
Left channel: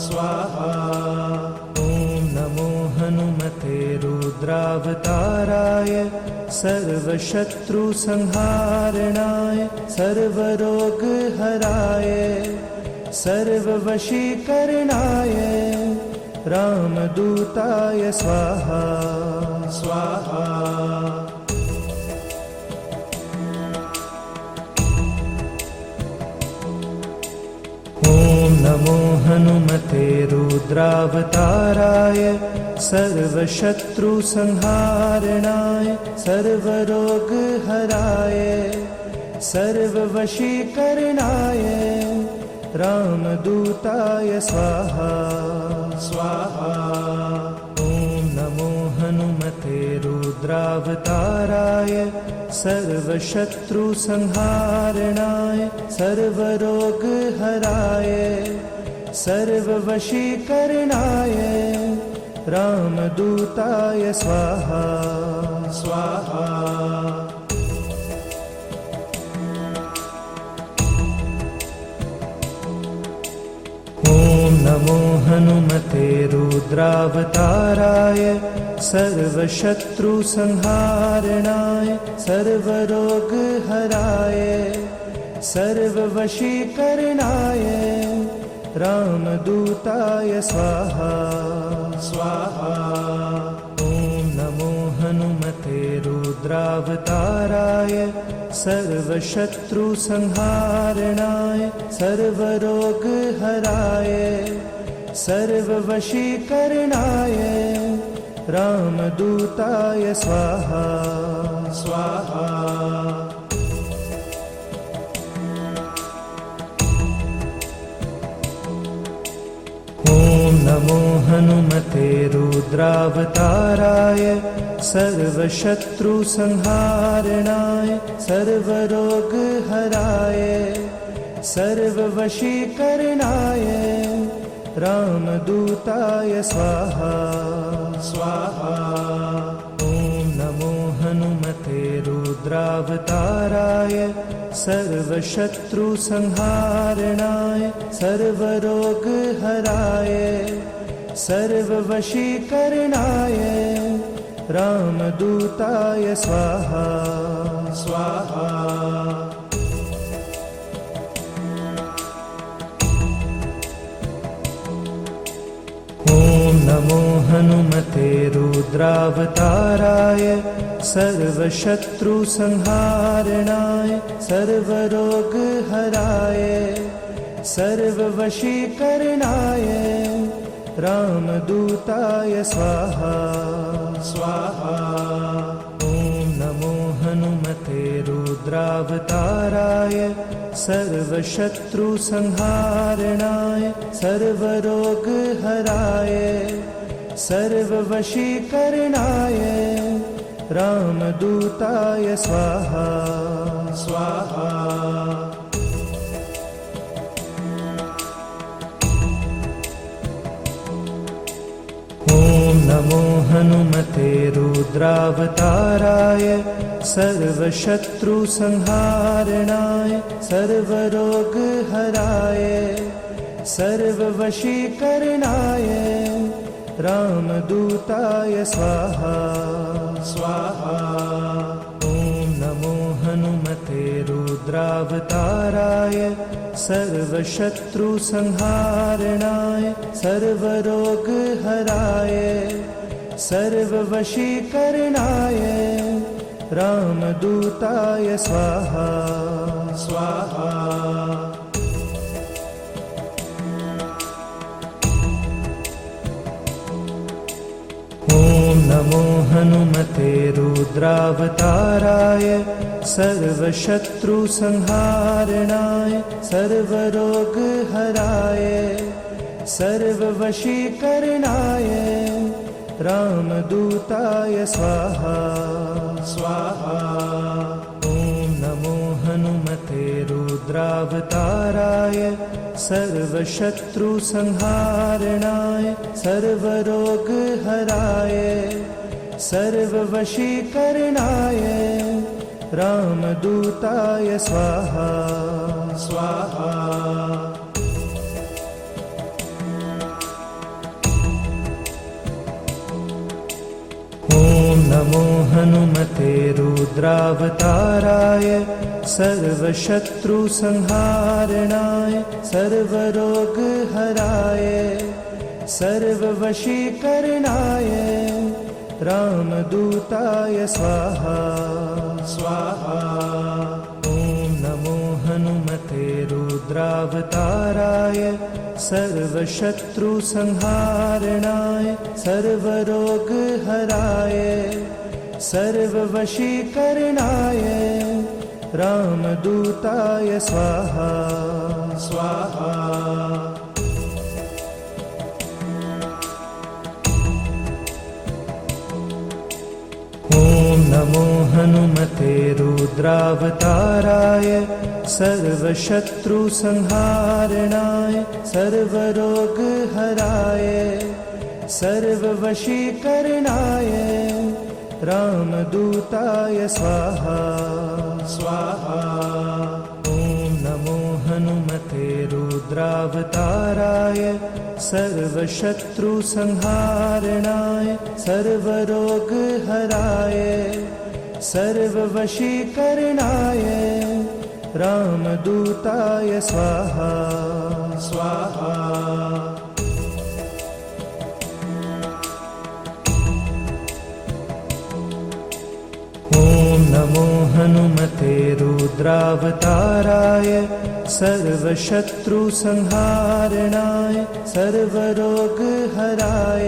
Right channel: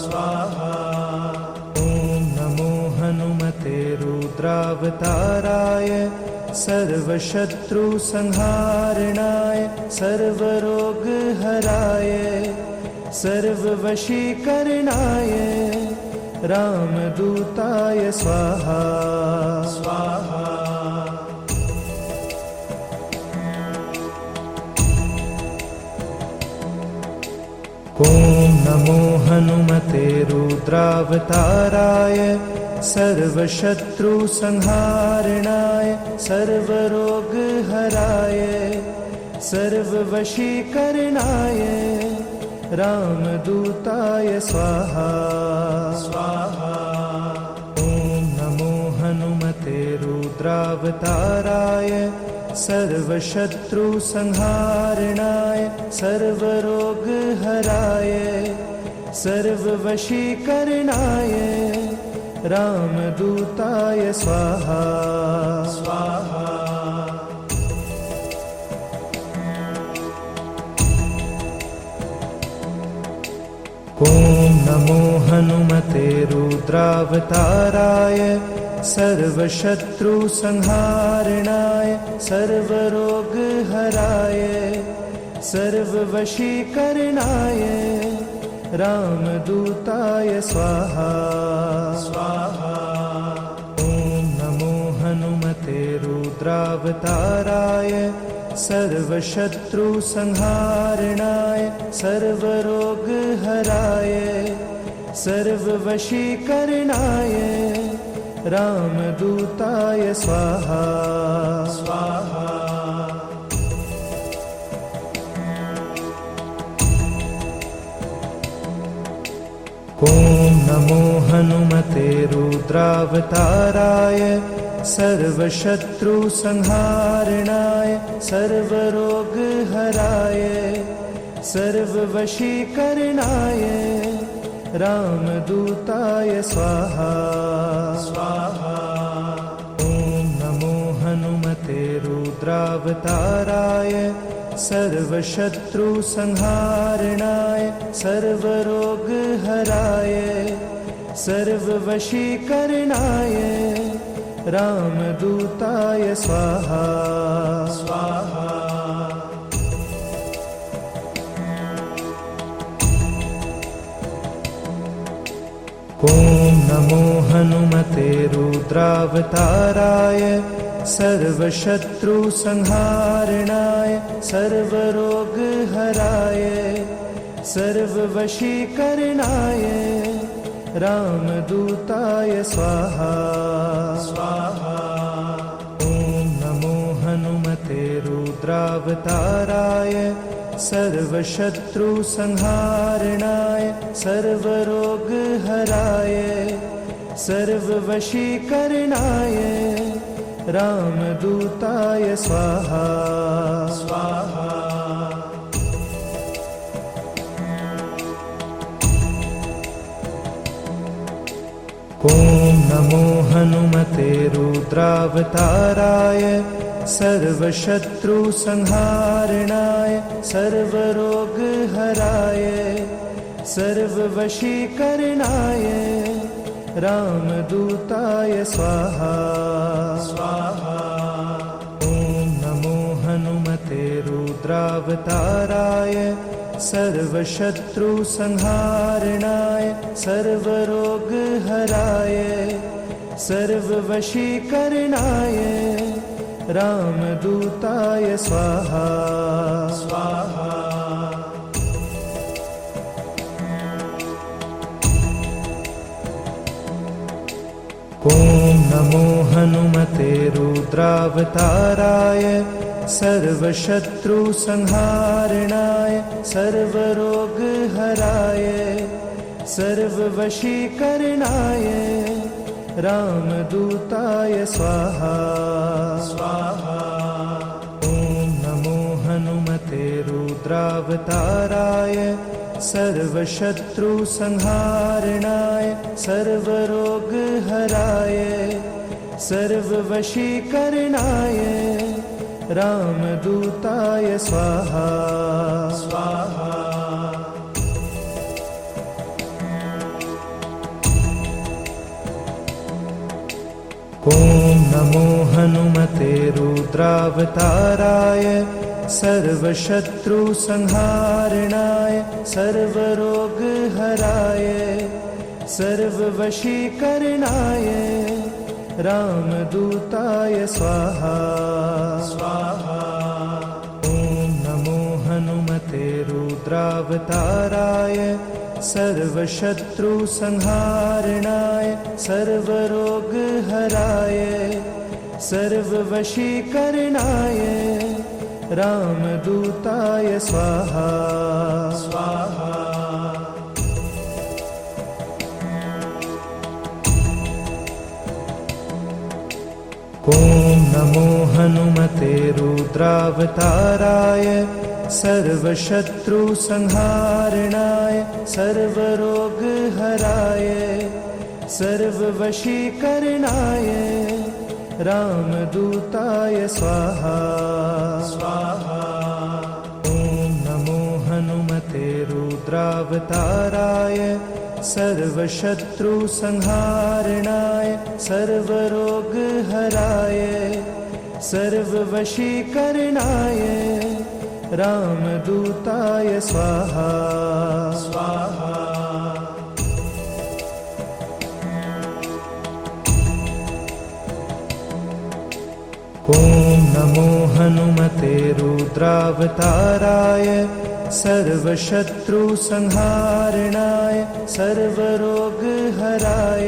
स्वाहा। ॐ नमो हनुमते रुद्रावताराय सर्वशत्रुसंहारणाय सर्वरोगहराय सर्ववशीकरणाय रामदूताय स्वाहा स्वाहा। ॐ नमो हनुमते रुद्रावताराय सर्वशत्रुसंहारणाय सर्वरोगहराय सर्ववशीकरणाय रामदूताय स्वाहा स्वाहा। ॐ नमो हनुमते रुद्रावताराय सर्वशत्रुसंहारणाय सर्वरोगहराय सर्ववशीकरणाय रामदूताय स्वाहा स्वाहा। ॐ नमो हनुमते रुद्रावताराय सर्वशत्रुसंहारणाय सर्वरोगहराय सर्ववशीकरणाय रामदूताय स्वाहा स्वाहा। ॐ नमो हनुमते रुद्रावताराय सर्वशत्रुसंहारणाय सर्वरोगहराय सर्ववशीकरणाय रामदूताय स्वाहा स्वाहा। ॐ नमो हनुमते रुद्रावताराय सर्वशत्रुसंहारणाय सर्वरोगहराय सर्ववशीकरणाय रामदूताय स्वाहा स्वाहा। ॐ नमो हनुमते रुद्रावताराय सर्वशत्रुसंहारणाय सर्वरोगहराय सर्ववशीकरणाय रामदूताय स्वाहा स्वाहा। ॐ नमो हनुमते रुद्रावताराय सर्वशत्रुसंहारणाय सर्वरोगहराय सर्ववशीकरणाय रामदूताय स्वाहा स्वाहा। ॐ नमो हनुमते रुद्रावताराय सर्वशत्रुसंहारणाय सर्वरोगहराय सर्ववशीकरणाय रामदूताय स्वाहा स्वाहा। ॐ नमो हनुमते रुद्रावताराय सर्वशत्रुसंहारणाय सर्वरोगहराय सर्ववशीकरणाय रामदूताय स्वाहा स्वाहा। ॐ नमो हनुमते रुद्रावताराय सर्वशत्रुसंहारणाय सर्वरोगहराय सर्ववशीकरणाय रामदूताय स्वाहा स्वाहा। ॐ नमो हनुमते रुद्रावताराय सर्वशत्रुसंहारणाय सर्वरोगहराय सर्ववशीकरणाय रामदूताय स्वाहा स्वाहा। ॐ नमो हनुमते रुद्रावताराय सर्वशत्रुसंहारणाय सर्वरोगहराय सर्ववशीकरणाय रामदूताय स्वाहा स्वाहा। ॐ नमो हनुमते रुद्रावताराय सर्वशत्रुसंहारणाय सर्वरोगहराय सर्ववशीकरणाय रामदूताय स्वाहा स्वाहा। ॐ नमो हनुमते रुद्रावताराय सर्वशत्रुसंहारणाय सर्वरोगहराय सर्ववशीकरणाय रामदूताय स्वाहा स्वाहा। ॐ नमो हनुमते रुद्रावताराय सर्वशत्रुसंहारणाय सर्वरोगहराय सर्ववशीकरणाय रामदूताय स्वाहा स्वाहा। ॐ नमो हनुमते रुद्रावताराय सर्वशत्रुसंहारणाय सर्वरोगहराय सर्ववशीकरणाय रामदूताय स्वाहा स्वाहा। ॐ नमो हनुमते रुद्रावताराय सर्वशत्रुसंहारणाय सर्वरोगहराय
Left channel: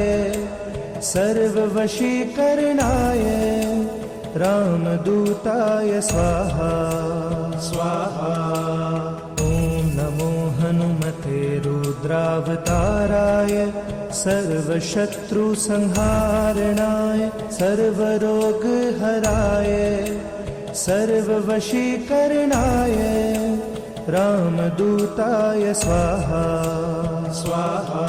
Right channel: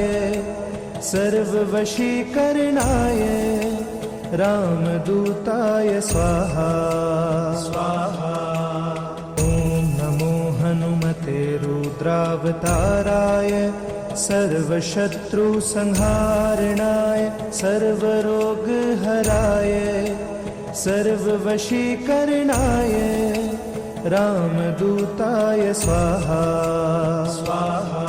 सर्ववशीकरणाय रामदूताय स्वाहा स्वाहा। ॐ नमो हनुमते रुद्रावताराय सर्वशत्रुसंहारणाय सर्वरोगहराय सर्ववशीकरणाय रामदूताय स्वाहा स्वाहा।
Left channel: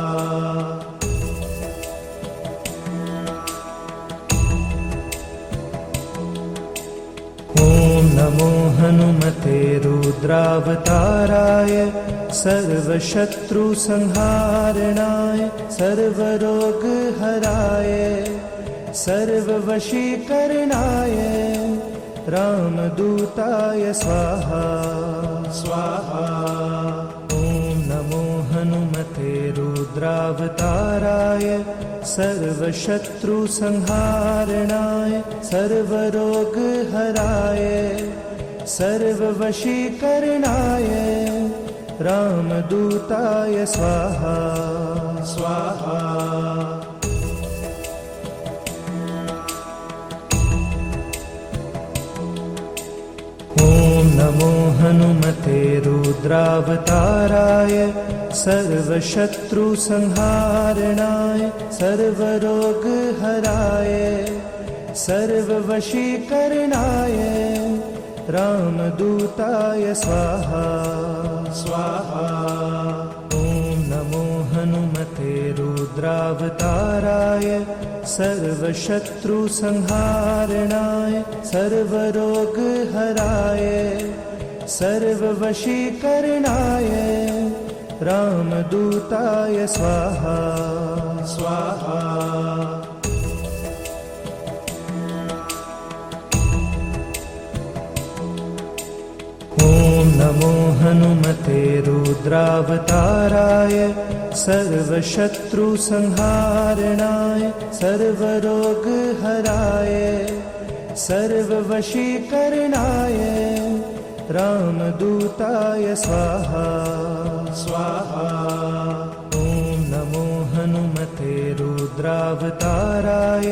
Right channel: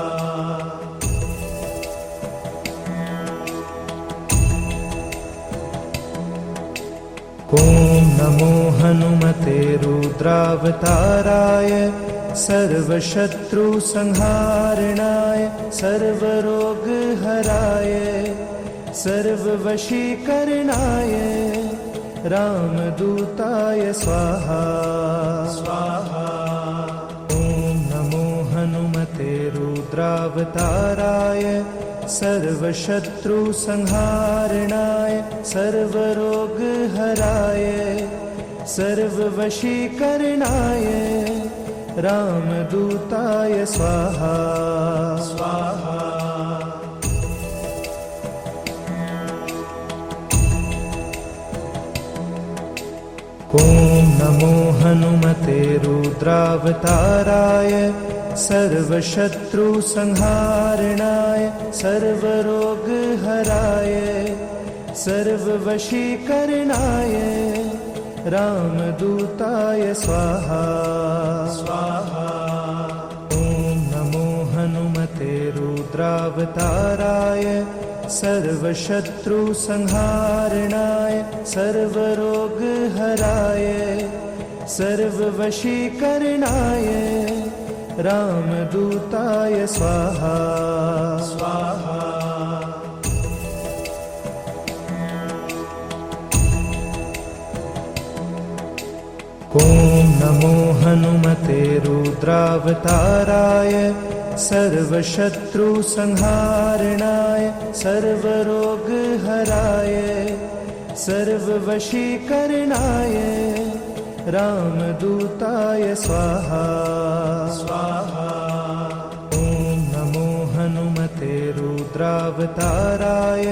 ॐ नमो हनुमते रुद्रावताराय सर्वशत्रुसंहारणाय सर्वरोगहराय सर्ववशीकरणाय रामदूताय स्वाहा स्वाहा। ॐ नमो हनुमते रुद्रावताराय सर्वशत्रुसंहारणाय सर्वरोगहराय सर्ववशीकरणाय रामदूताय स्वाहा स्वाहा। ॐ नमो हनुमते रुद्रावताराय सर्वशत्रुसंहारणाय सर्वरोगहराय सर्ववशीकरणाय रामदूताय स्वाहा स्वाहा। ॐ नमो हनुमते रुद्रावताराय सर्वशत्रुसंहारणाय सर्वरोगहराय सर्ववशीकरणाय रामदूताय स्वाहा स्वाहा। ॐ नमो हनुमते रुद्रावताराय सर्वशत्रुसंहारणाय सर्वरोगहराय सर्ववशीकरणाय रामदूताय स्वाहा स्वाहा। ॐ नमो हनुमते रुद्रावताराय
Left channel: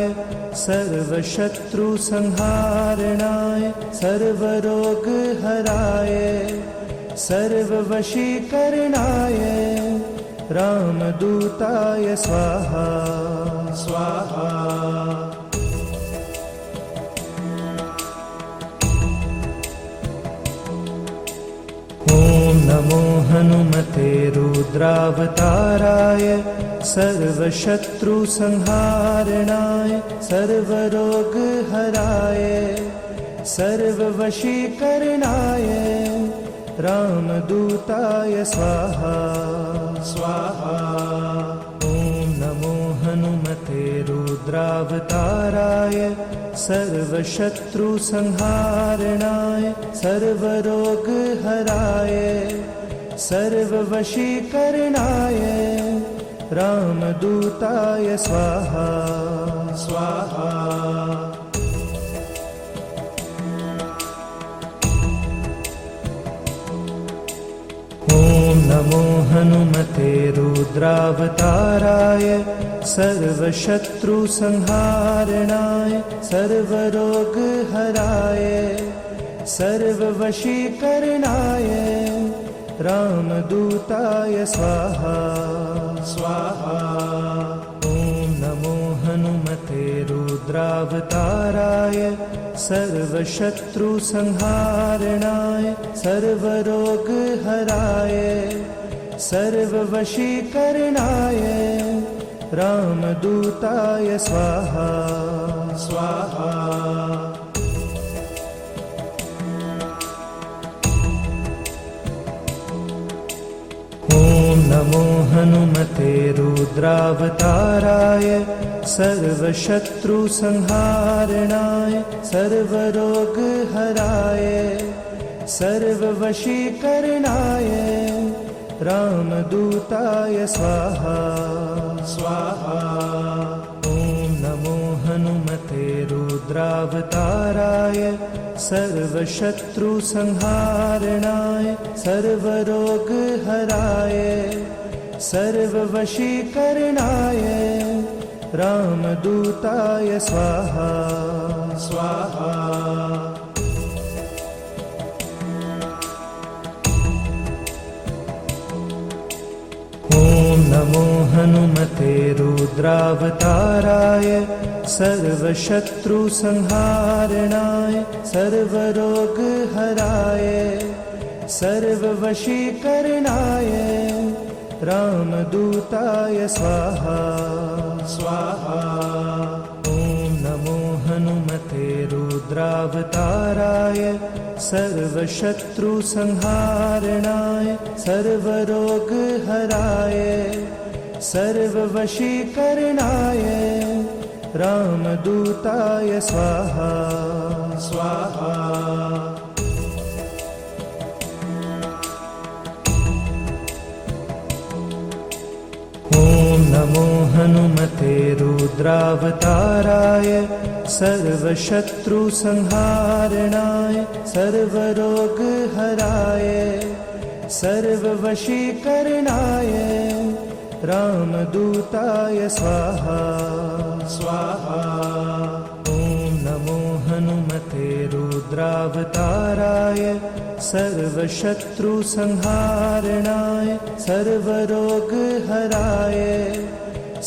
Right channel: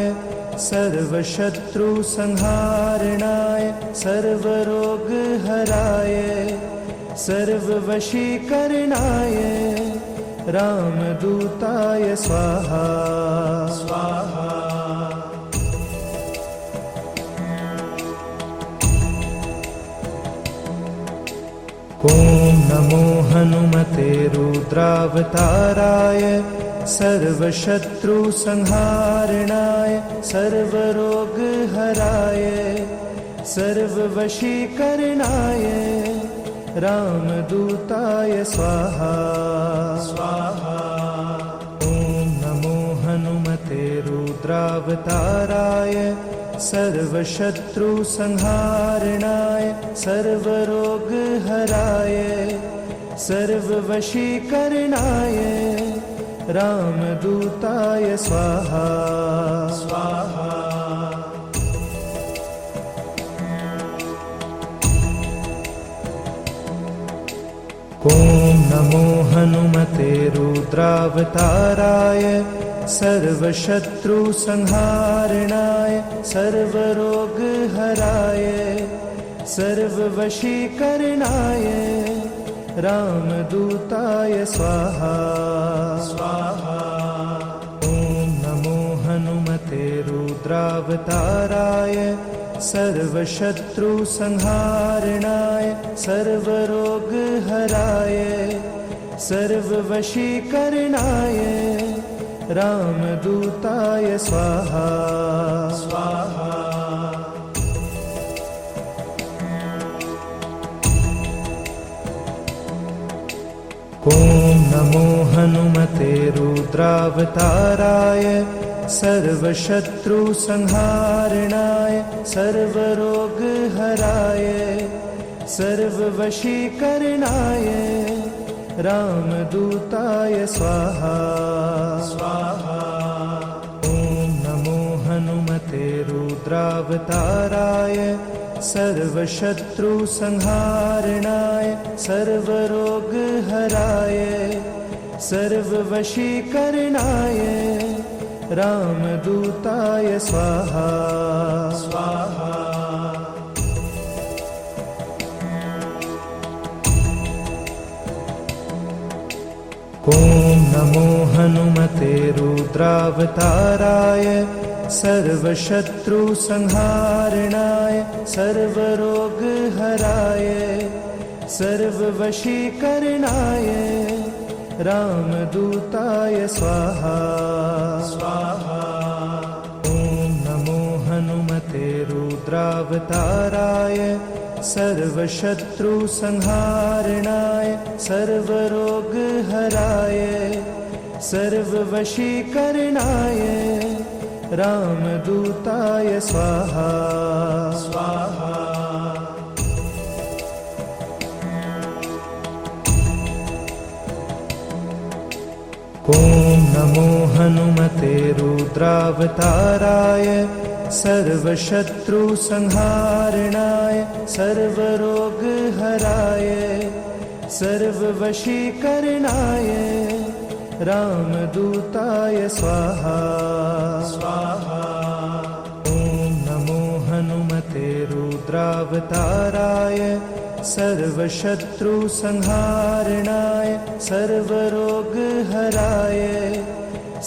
सर्व सर्वशत्रुसंहारणाय सर्वरोगहराय सर्ववशीकरणाय रामदूताय स्वाहा स्वाहा। ॐ नमो हनुमते रुद्रावताराय सर्वशत्रुसंहारणाय सर्वरोगहराय सर्ववशीकरणाय रामदूताय स्वाहा स्वाहा। ॐ नमो हनुमते रुद्रावताराय सर्वशत्रुसंहारणाय सर्वरोगहराय सर्ववशीकरणाय रामदूताय स्वाहा स्वाहा। ॐ नमो हनुमते रुद्रावताराय सर्वशत्रुसंहारणाय सर्वरोगहराय सर्ववशीकरणाय रामदूताय स्वाहा स्वाहा। ॐ नमो हनुमते रुद्रावताराय सर्वशत्रुसंहारणाय सर्वरोगहराय सर्ववशीकरणाय रामदूताय स्वाहा स्वाहा। ॐ नमो हनुमते रुद्रावताराय सर्वशत्रुसंहारणाय सर्वरोगहराय सर्ववशीकरणाय रामदूताय स्वाहा स्वाहा। ॐ नमो हनुमते रुद्रावताराय सर्वशत्रुसंहारणाय सर्वरोगहराय सर्ववशीकरणाय रामदूताय स्वाहा स्वाहा। ॐ नमो हनुमते रुद्रावताराय सर्वशत्रुसंहारणाय सर्वरोगहराय सर्ववशीकरणाय रामदूताय स्वाहा स्वाहा। ॐ नमो हनुमते रुद्रावताराय सर्वशत्रुसंहारणाय सर्वरोगहराय सर्ववशीकरणाय रामदूताय स्वाहा स्वाहा। ॐ नमो हनुमते रुद्रावताराय सर्वशत्रुसंहारणाय सर्वरोगहराय सर्ववशीकरणाय रामदूताय स्वाहा स्वाहा। ॐ नमो हनुमते रुद्रावताराय सर्वशत्रुसंहारणाय सर्वरोगहराय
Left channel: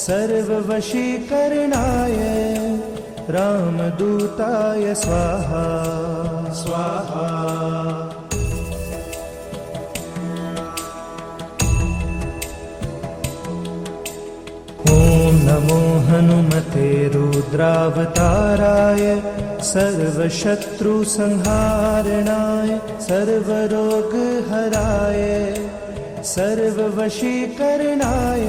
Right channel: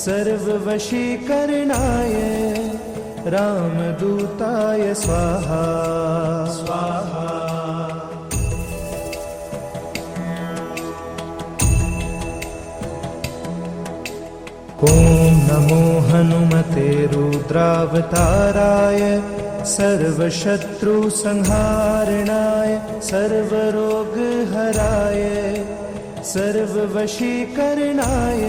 सर्ववशीकरणाय रामदूताय स्वाहा स्वाहा। ॐ नमो हनुमते रुद्रावताराय सर्वशत्रुसंहारणाय सर्वरोगहराय सर्ववशीकरणाय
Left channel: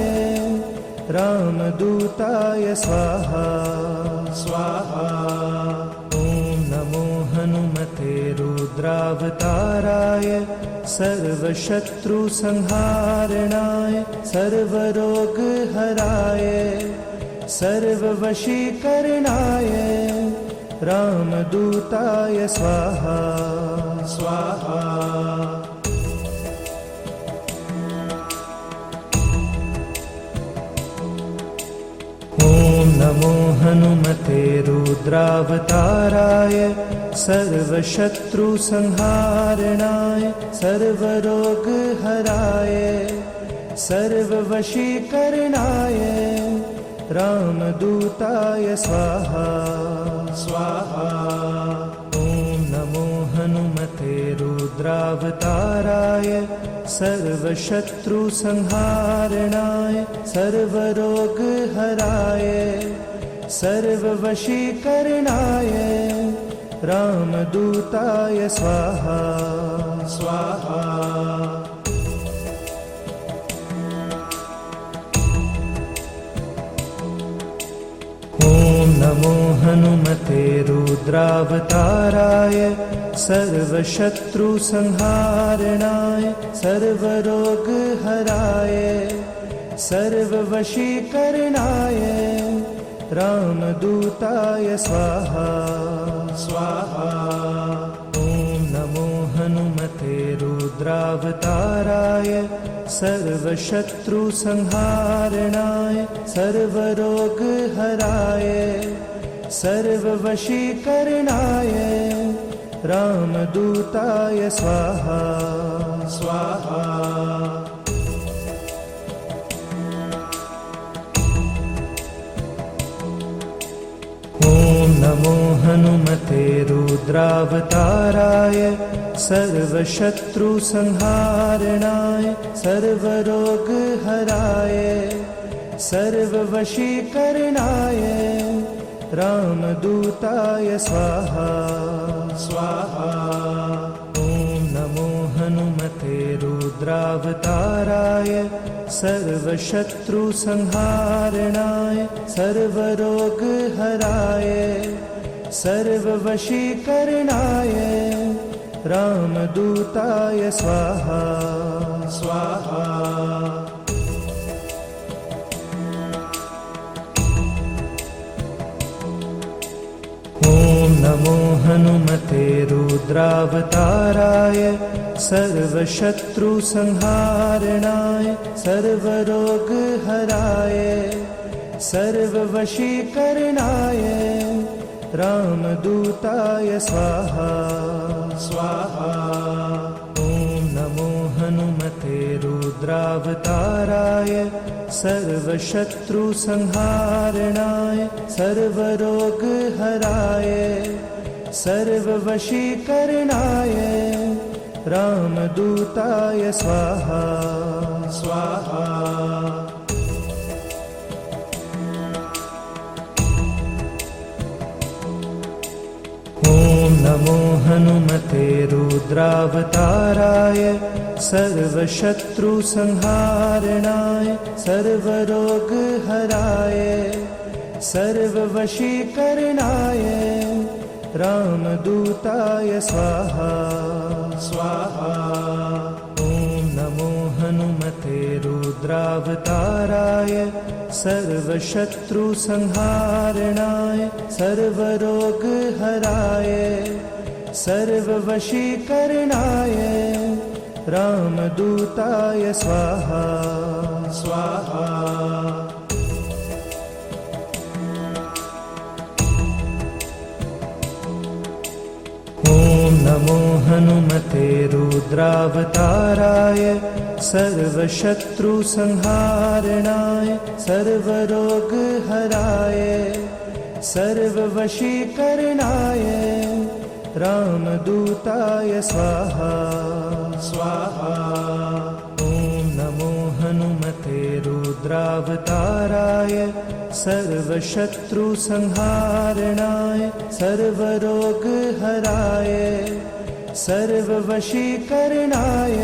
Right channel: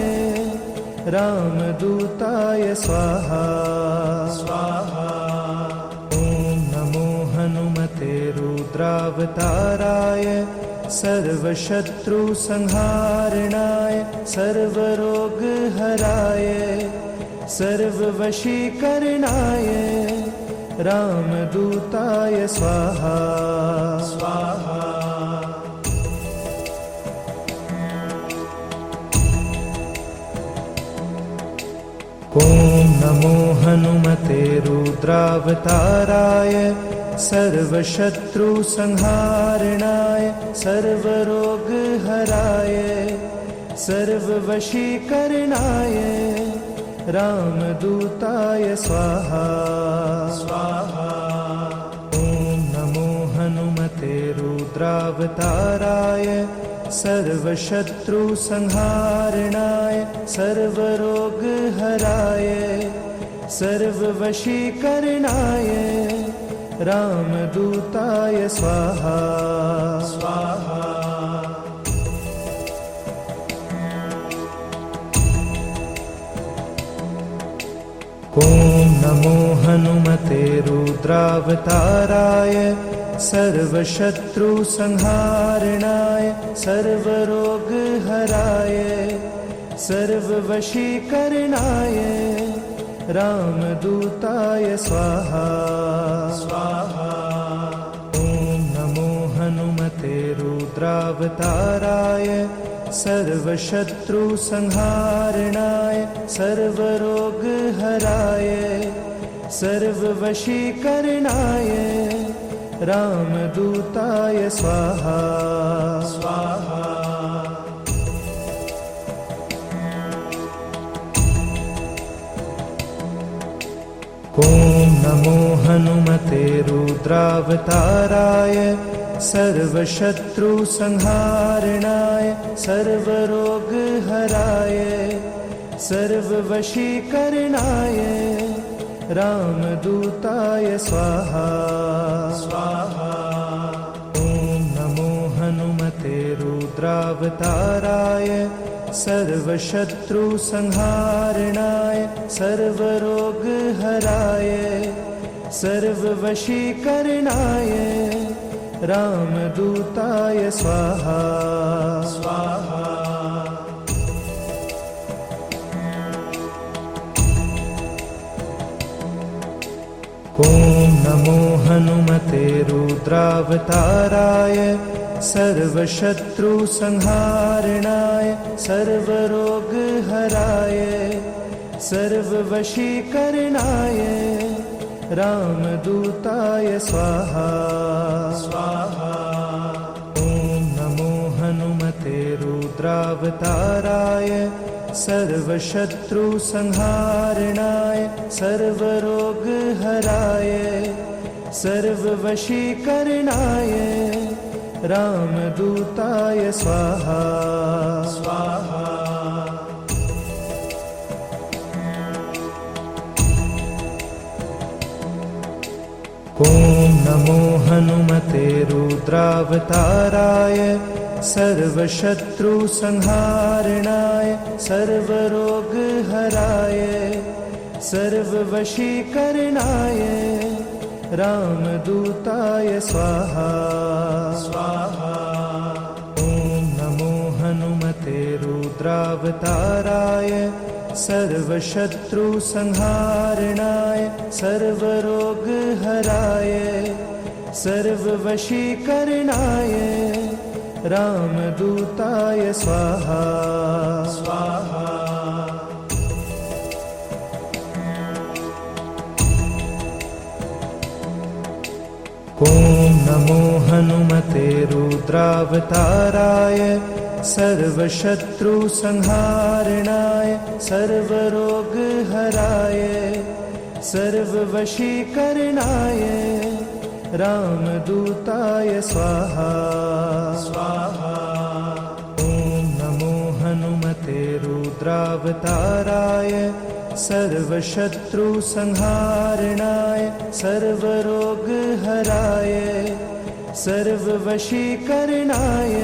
रामदूताय स्वाहा स्वाहा। ॐ नमो हनुमते रुद्रावताराय सर्वशत्रुसंहारणाय सर्वरोगहराय सर्ववशीकरणाय रामदूताय स्वाहा स्वाहा। ॐ ॐ नमो हनुमते रुद्रावताराय सर्वशत्रुसंहारणाय सर्वरोगहराय सर्ववशीकरणाय रामदूताय स्वाहा स्वाहा। ॐ नमो हनुमते रुद्रावताराय सर्वशत्रुसंहारणाय सर्वरोगहराय सर्ववशीकरणाय रामदूताय स्वाहा स्वाहा। ॐ नमो हनुमते रुद्रावताराय सर्वशत्रुसंहारणाय सर्वरोगहराय सर्ववशीकरणाय रामदूताय स्वाहा स्वाहा। ॐ नमो हनुमते रुद्रावताराय सर्वशत्रुसंहारणाय सर्वरोगहराय सर्ववशीकरणाय रामदूताय स्वाहा स्वाहा। ॐ नमो हनुमते रुद्रावताराय सर्वशत्रुसंहारणाय सर्वरोगहराय सर्ववशीकरणाय रामदूताय स्वाहा स्वाहा। ॐ नमो हनुमते रुद्रावताराय सर्वशत्रुसंहारणाय सर्वरोगहराय सर्ववशीकरणाय रामदूताय स्वाहा स्वाहा। ॐ नमो हनुमते रुद्रावताराय सर्वशत्रुसंहारणाय सर्वरोगहराय सर्ववशीकरणाय रामदूताय स्वाहा स्वाहा। ॐ नमो हनुमते रुद्रावताराय सर्वशत्रुसंहारणाय सर्वरोगहराय सर्ववशीकरणाय रामदूताय स्वाहा स्वाहा। ॐ नमो हनुमते रुद्रावताराय सर्वशत्रुसंहारणाय सर्वरोगहराय सर्ववशीकरणाय रामदूताय स्वाहा स्वाहा। ॐ नमो हनुमते रुद्रावताराय सर्वशत्रुसंहारणाय सर्वरोगहराय सर्ववशीकरणाय रामदूताय स्वाहा स्वाहा। ॐ नमो हनुमते रुद्रावताराय सर्वशत्रुसंहारणाय सर्वरोगहराय सर्ववशीकरणाय रामदूताय स्वाहा स्वाहा। ॐ नमो हनुमते रुद्रावताराय सर्वशत्रुसंहारणाय सर्वरोगहराय सर्ववशीकरणाय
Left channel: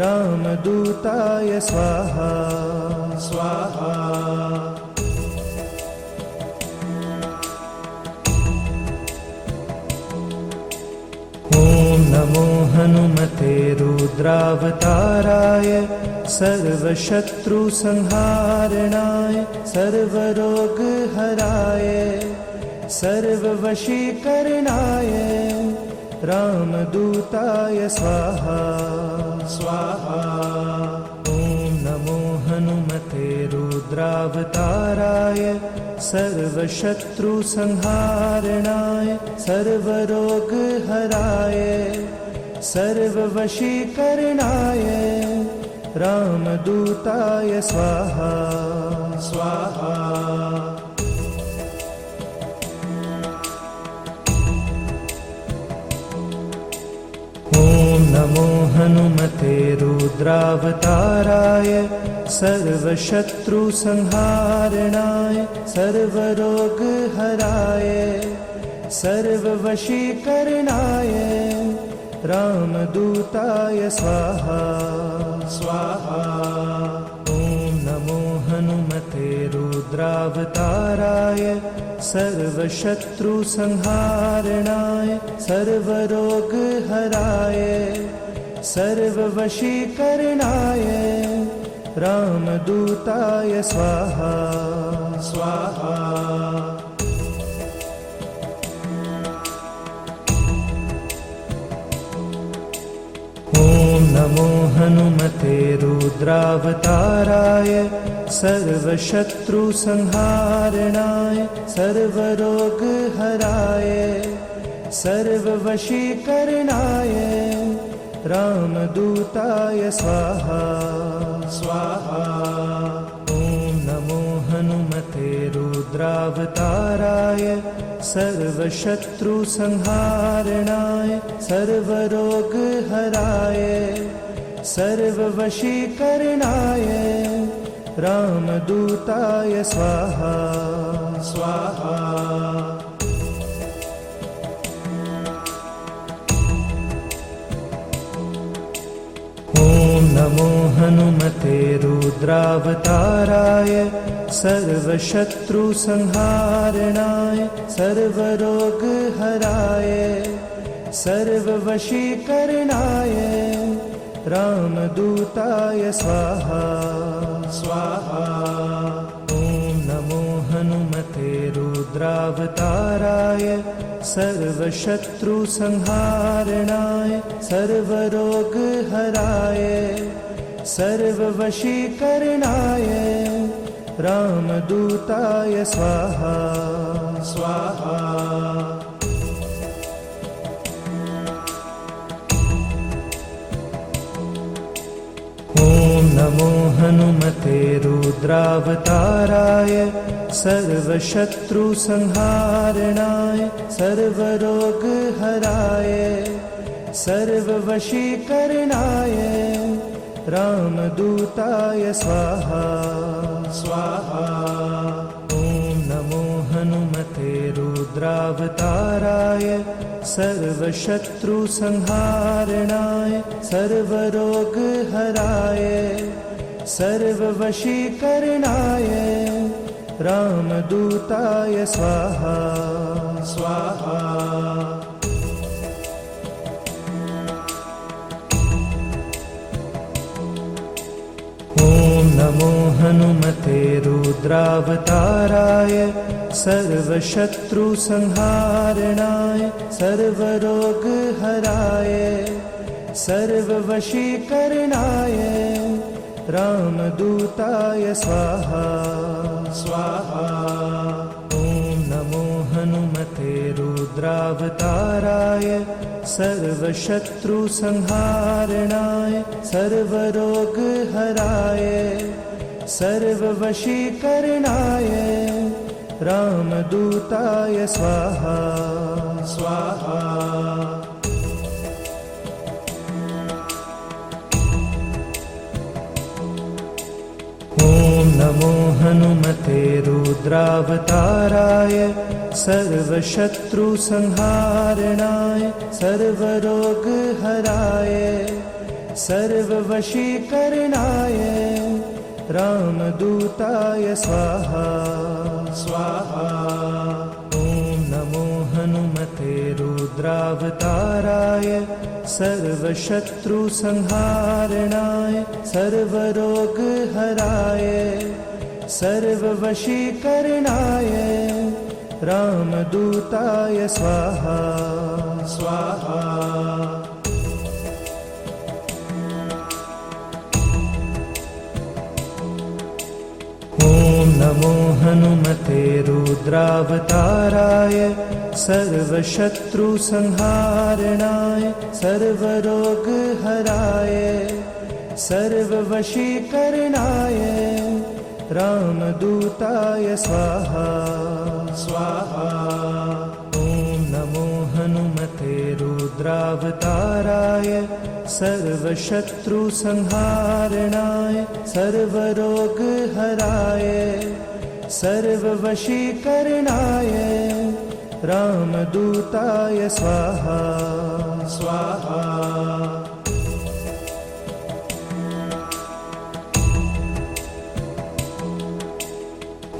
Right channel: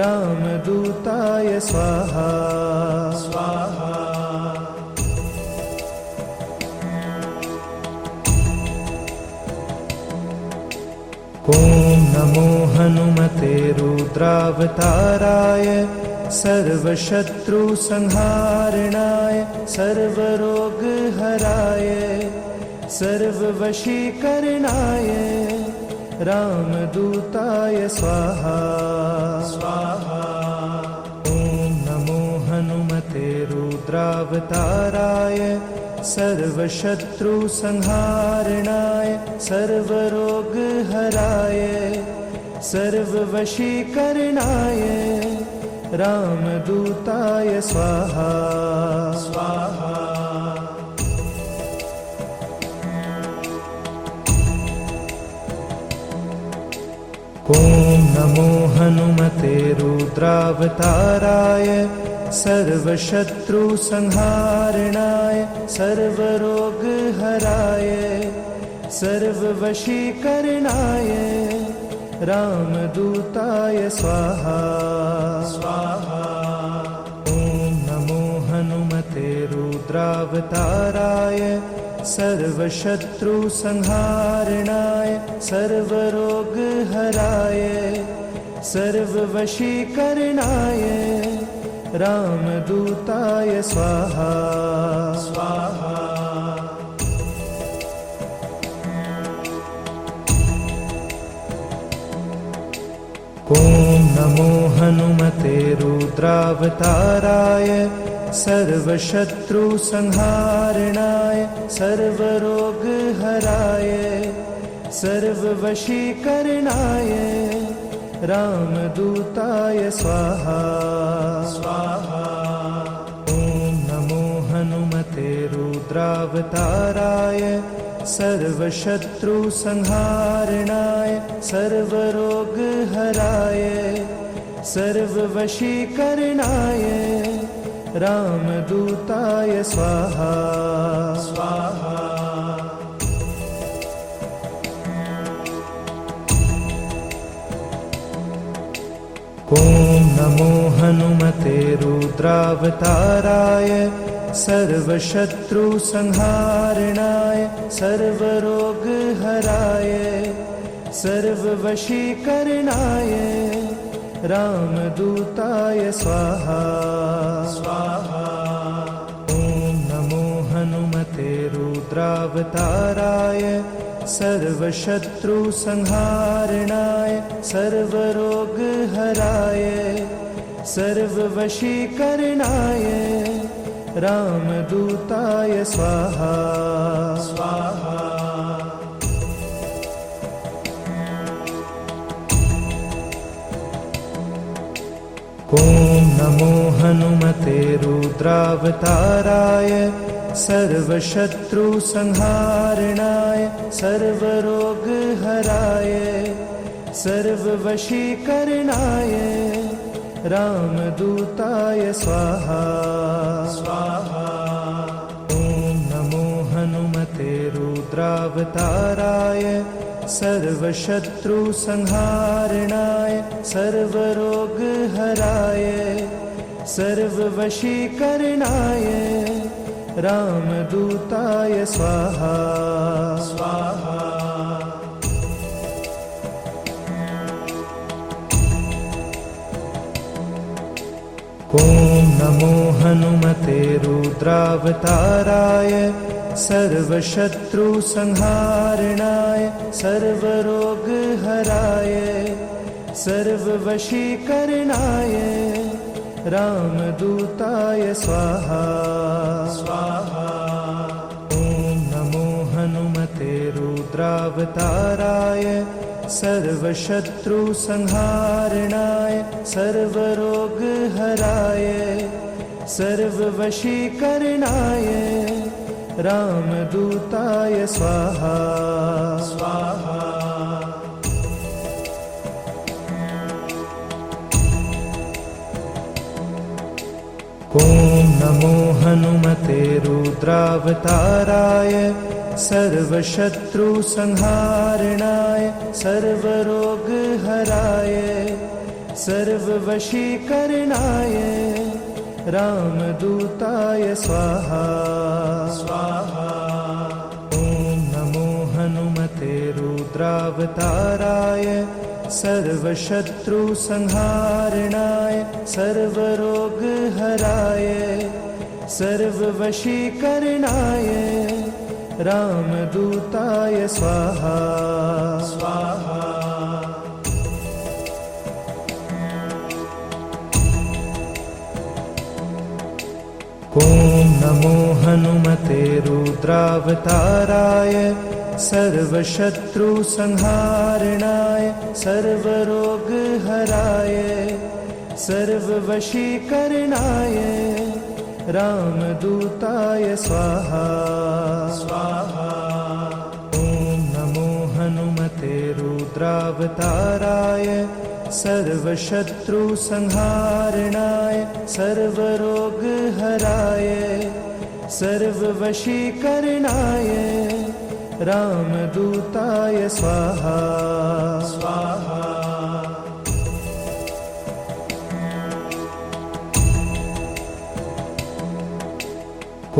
रामदूताय स्वाहा स्वाहा। ॐ नमो हनुमते रुद्रावताराय सर्वशत्रुसंहारणाय सर्वरोगहराय सर्ववशीकरणाय रामदूताय स्वाहा स्वाहा। ॐ नमो हनुमते रुद्रावताराय सर्वशत्रुसंहारणाय सर्वरोगहराय सर्ववशीकरणाय रामदूताय स्वाहा स्वाहा। ॐ नमो हनुमते रुद्रावताराय सर्वशत्रुसंहारणाय सर्वरोगहराय सर्ववशीकरणाय रामदूताय स्वाहा स्वाहा। ॐ नमो हनुमते रुद्रावताराय सर्वशत्रुसंहारणाय सर्वरोगहराय सर्ववशीकरणाय रामदूताय स्वाहा स्वाहा। ॐ नमो हनुमते रुद्रावताराय सर्वशत्रुसंहारणाय सर्वरोगहराय सर्ववशीकरणाय रामदूताय स्वाहा स्वाहा। ॐ नमो हनुमते रुद्रावताराय सर्वशत्रुसंहारणाय सर्वरोगहराय सर्ववशीकरणाय रामदूताय स्वाहा स्वाहा। ॐ नमो हनुमते रुद्रावताराय सर्वशत्रुसंहारणाय सर्वरोगहराय सर्ववशीकरणाय रामदूताय स्वाहा स्वाहा। ॐ नमो हनुमते रुद्रावताराय सर्वशत्रुसंहारणाय सर्वरोगहराय सर्ववशीकरणाय रामदूताय स्वाहा स्वाहा। ॐ नमो हनुमते रुद्रावताराय सर्वशत्रुसंहारणाय सर्वरोगहराय सर्ववशीकरणाय रामदूताय स्वाहा स्वाहा। ॐ नमो हनुमते रुद्रावताराय सर्वशत्रुसंहारणाय सर्वरोगहराय सर्ववशीकरणाय रामदूताय स्वाहा स्वाहा। ॐ नमो हनुमते रुद्रावताराय सर्वशत्रुसंहारणाय सर्वरोगहराय सर्ववशीकरणाय रामदूताय स्वाहा स्वाहा। ॐ नमो हनुमते रुद्रावताराय सर्वशत्रुसंहारणाय सर्वरोगहराय सर्ववशीकरणाय रामदूताय स्वाहा स्वाहा। ॐ नमो हनुमते रुद्रावताराय सर्वशत्रुसंहारणाय सर्वरोगहराय सर्ववशीकरणाय रामदूताय स्वाहा स्वाहा। ॐ नमो हनुमते रुद्रावताराय सर्वशत्रुसंहारणाय सर्वरोगहराय सर्ववशीकरणाय रामदूताय स्वाहा स्वाहा। ॐ ॐ नमो हनुमते रुद्रावताराय सर्वशत्रुसंहारणाय सर्वरोगहराय सर्ववशीकरणाय रामदूताय स्वाहा स्वाहा। ॐ नमो हनुमते रुद्रावताराय सर्वशत्रुसंहारणाय सर्वरोगहराय सर्ववशीकरणाय रामदूताय स्वाहा स्वाहा।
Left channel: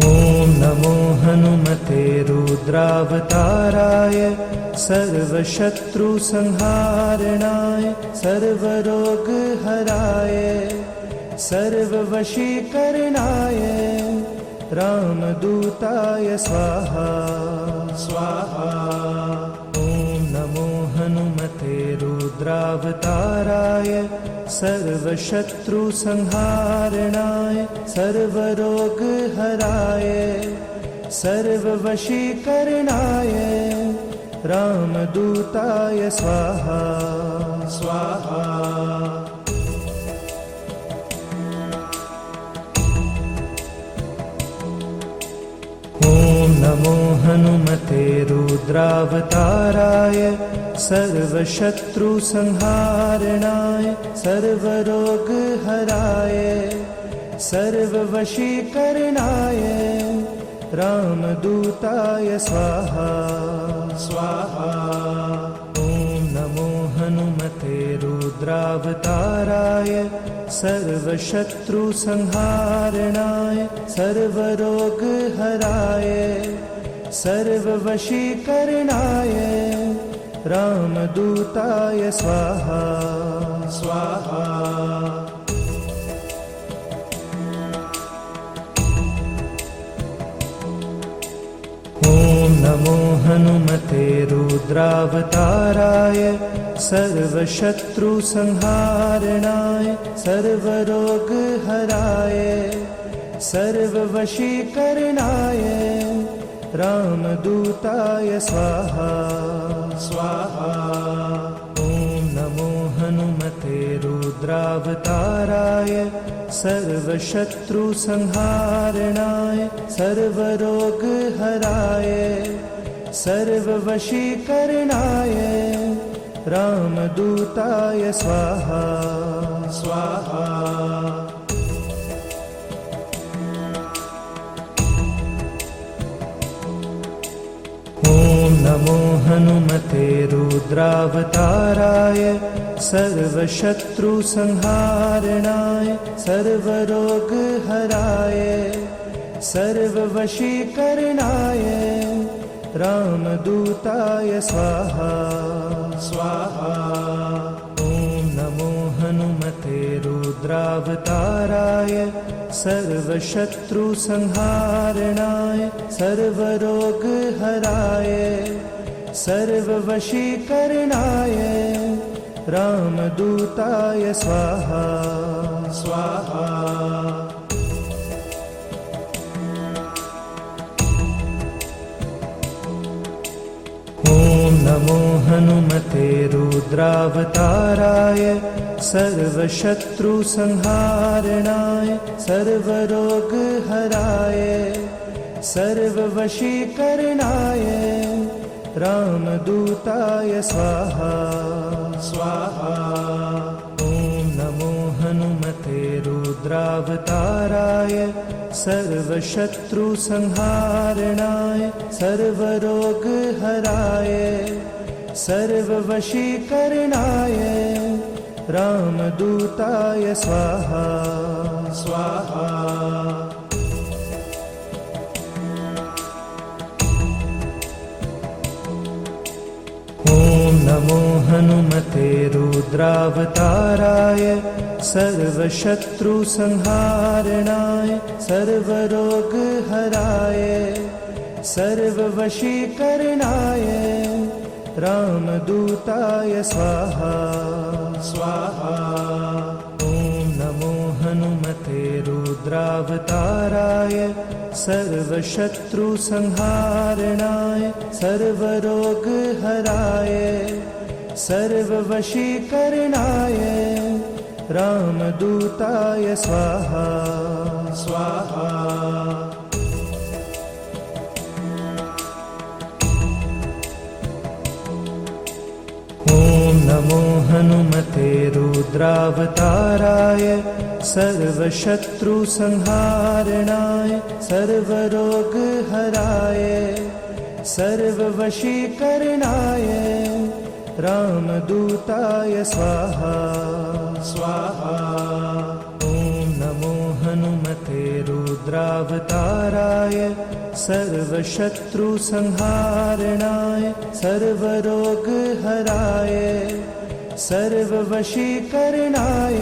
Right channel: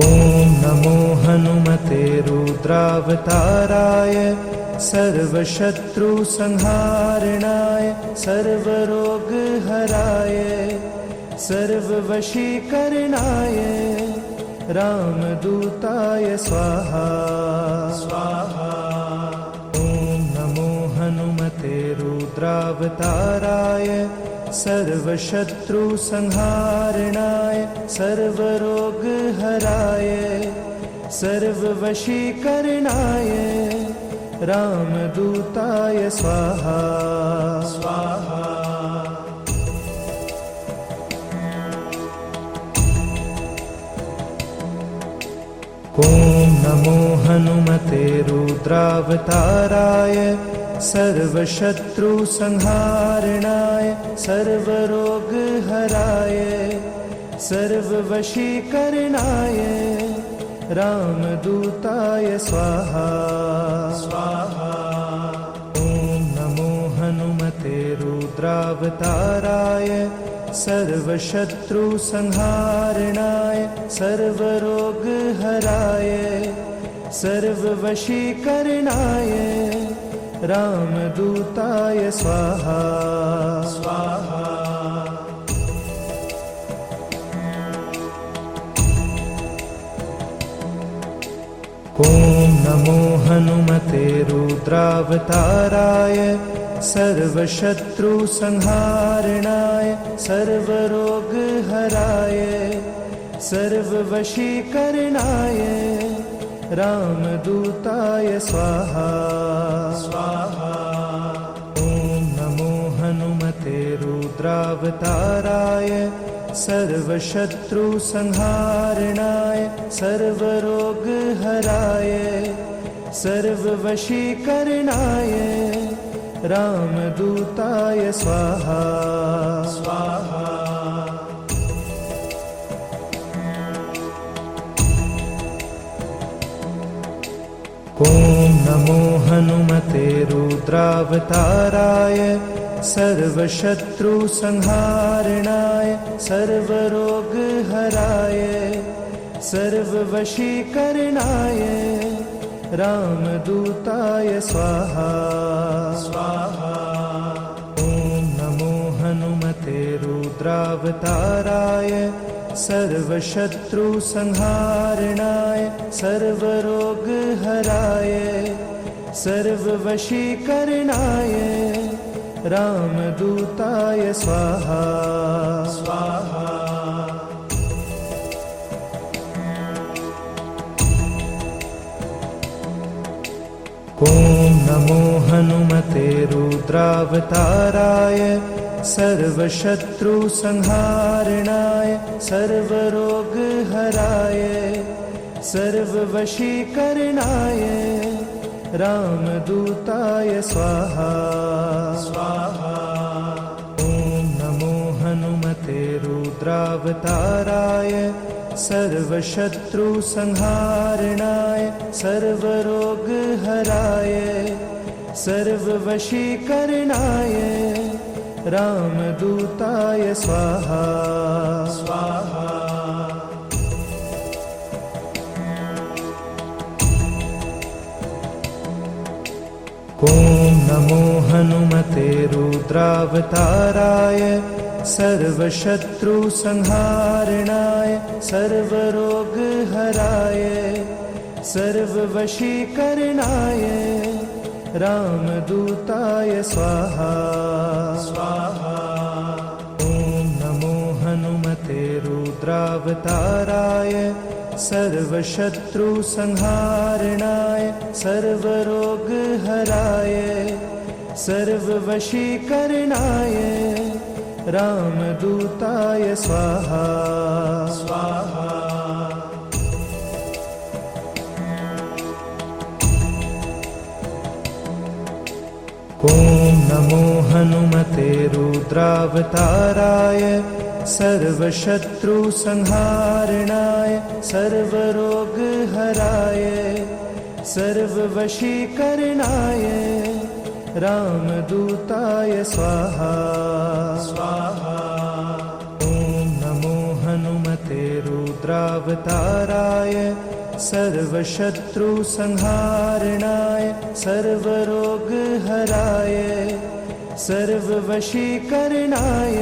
ॐ नमो हनुमते रुद्रावताराय सर्वशत्रुसंहारणाय सर्वरोगहराय सर्ववशीकरणाय रामदूताय स्वाहा स्वाहा। ॐ नमो हनुमते रुद्रावताराय सर्वशत्रुसंहारणाय सर्वरोगहराय सर्ववशीकरणाय रामदूताय स्वाहा स्वाहा। ॐ नमो हनुमते रुद्रावताराय सर्वशत्रुसंहारणाय सर्वरोगहराय सर्ववशीकरणाय रामदूताय स्वाहा स्वाहा। ॐ नमो हनुमते रुद्रावताराय सर्वशत्रुसंहारणाय सर्वरोगहराय सर्ववशीकरणाय रामदूताय स्वाहा स्वाहा। ॐ नमो हनुमते रुद्रावताराय सर्वशत्रुसंहारणाय सर्वरोगहराय सर्ववशीकरणाय रामदूताय स्वाहा स्वाहा। ॐ नमो हनुमते रुद्रावताराय सर्वशत्रुसंहारणाय सर्वरोगहराय सर्ववशीकरणाय रामदूताय स्वाहा स्वाहा। ॐ नमो हनुमते रुद्रावताराय सर्वशत्रुसंहारणाय सर्वरोगहराय सर्ववशीकरणाय रामदूताय स्वाहा स्वाहा। ॐ नमो हनुमते रुद्रावताराय सर्वशत्रुसंहारणाय सर्वरोगहराय सर्ववशीकरणाय रामदूताय स्वाहा स्वाहा। ॐ नमो हनुमते रुद्रावताराय सर्वशत्रुसंहारणाय सर्वरोगहराय सर्ववशीकरणाय रामदूताय स्वाहा स्वाहा। ॐ नमो हनुमते रुद्रावताराय सर्वशत्रुसंहारणाय सर्वरोगहराय सर्ववशीकरणाय रामदूताय स्वाहा स्वाहा। ॐ नमो हनुमते रुद्रावताराय सर्वशत्रुसंहारणाय सर्वरोगहराय सर्ववशीकरणाय रामदूताय स्वाहा स्वाहा। ॐ नमो हनुमते रुद्रावताराय सर्वशत्रुसंहारणाय सर्वरोगहराय सर्ववशीकरणाय रामदूताय स्वाहा स्वाहा। ॐ नमो हनुमते रुद्रावताराय सर्वशत्रुसंहारणाय सर्वरोगहराय सर्ववशीकरणाय रामदूताय स्वाहा स्वाहा। ॐ नमो हनुमते रुद्रावताराय सर्वशत्रुसंहारणाय सर्वरोगहराय सर्ववशीकरणाय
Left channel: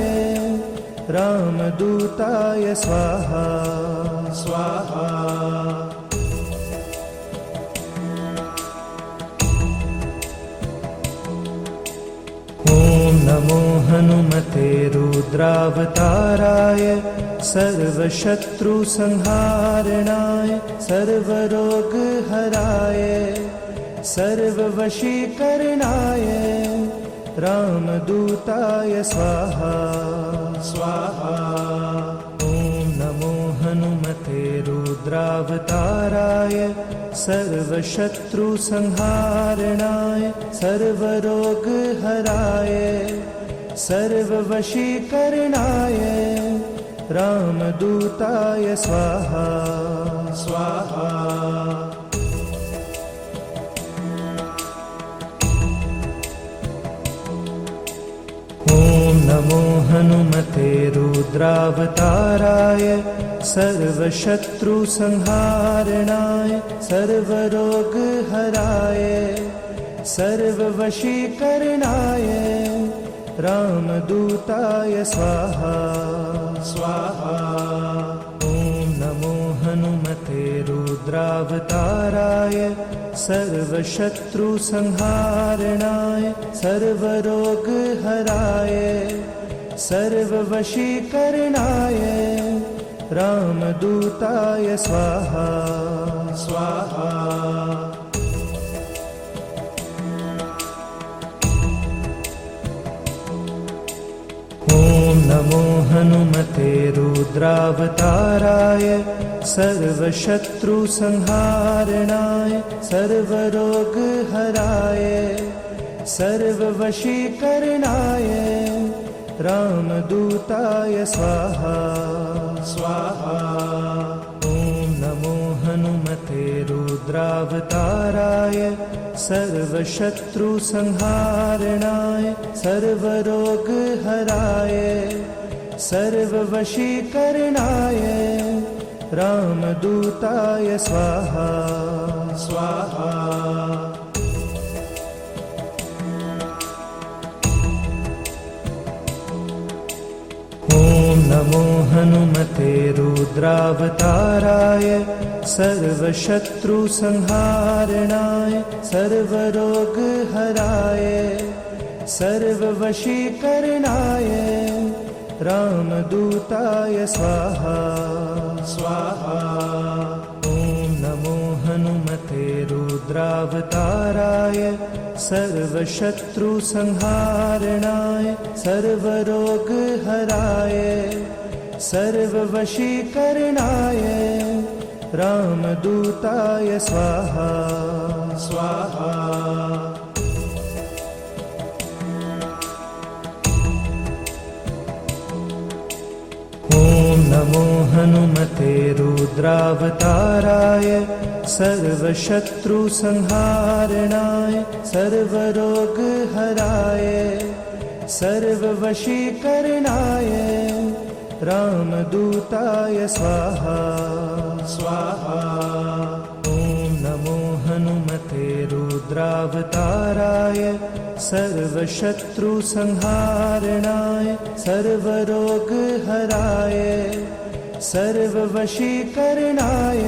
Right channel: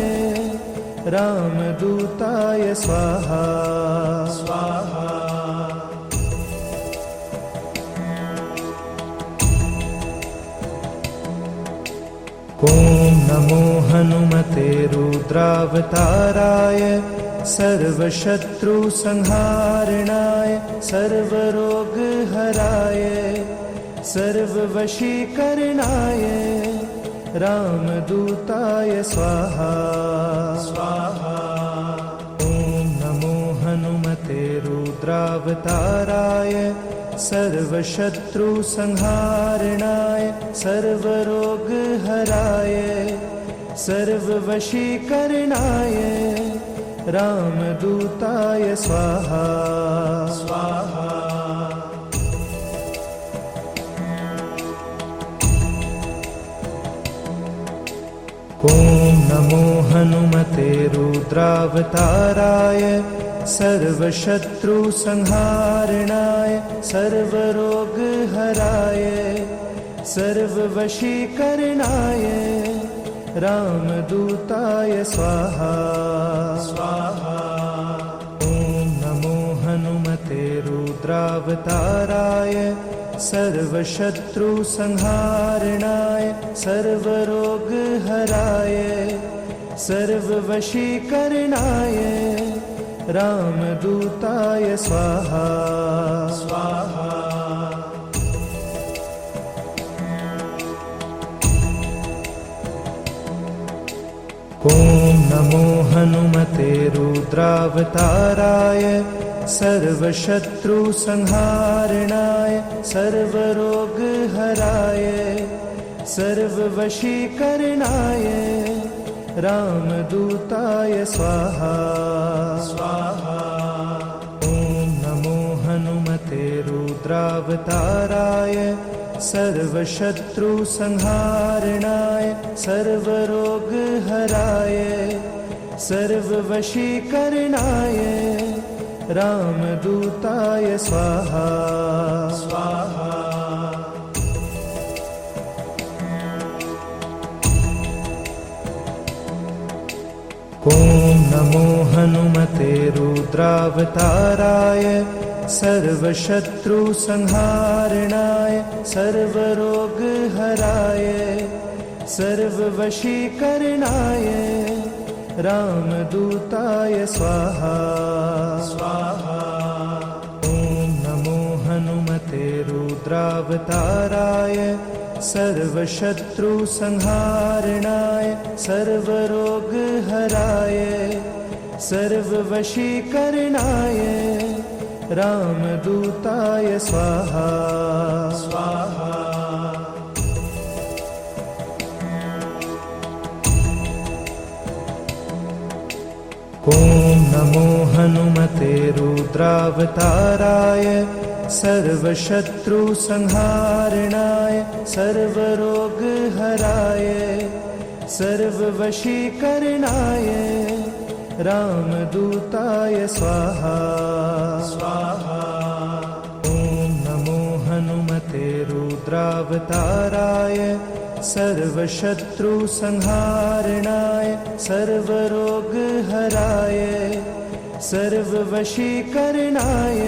रामदूताय स्वाहा स्वाहा। ॐ नमो हनुमते रुद्रावताराय सर्वशत्रुसंहारणाय सर्वरोगहराय सर्ववशीकरणाय रामदूताय स्वाहा स्वाहा। ॐ नमो हनुमते रुद्रावताराय सर्वशत्रुसंहारणाय सर्वरोगहराय सर्ववशीकरणाय रामदूताय स्वाहा स्वाहा। ॐ नमो हनुमते रुद्रावताराय सर्वशत्रुसंहारणाय सर्वरोगहराय सर्ववशीकरणाय रामदूताय स्वाहा स्वाहा। ॐ नमो हनुमते रुद्रावताराय सर्वशत्रुसंहारणाय सर्वरोगहराय सर्ववशीकरणाय रामदूताय स्वाहा स्वाहा। ॐ नमो हनुमते रुद्रावताराय सर्वशत्रुसंहारणाय सर्वरोगहराय सर्ववशीकरणाय रामदूताय स्वाहा स्वाहा। ॐ नमो हनुमते रुद्रावताराय सर्वशत्रुसंहारणाय सर्वरोगहराय सर्ववशीकरणाय रामदूताय स्वाहा स्वाहा। ॐ नमो हनुमते रुद्रावताराय सर्वशत्रुसंहारणाय सर्वरोगहराय सर्ववशीकरणाय रामदूताय स्वाहा स्वाहा। ॐ नमो हनुमते रुद्रावताराय सर्वशत्रुसंहारणाय सर्वरोगहराय सर्ववशीकरणाय रामदूताय स्वाहा स्वाहा। ॐ नमो हनुमते रुद्रावताराय सर्वशत्रुसंहारणाय सर्वरोगहराय सर्ववशीकरणाय रामदूताय स्वाहा स्वाहा। ॐ नमो हनुमते रुद्रावताराय सर्वशत्रुसंहारणाय सर्वरोगहराय सर्ववशीकरणाय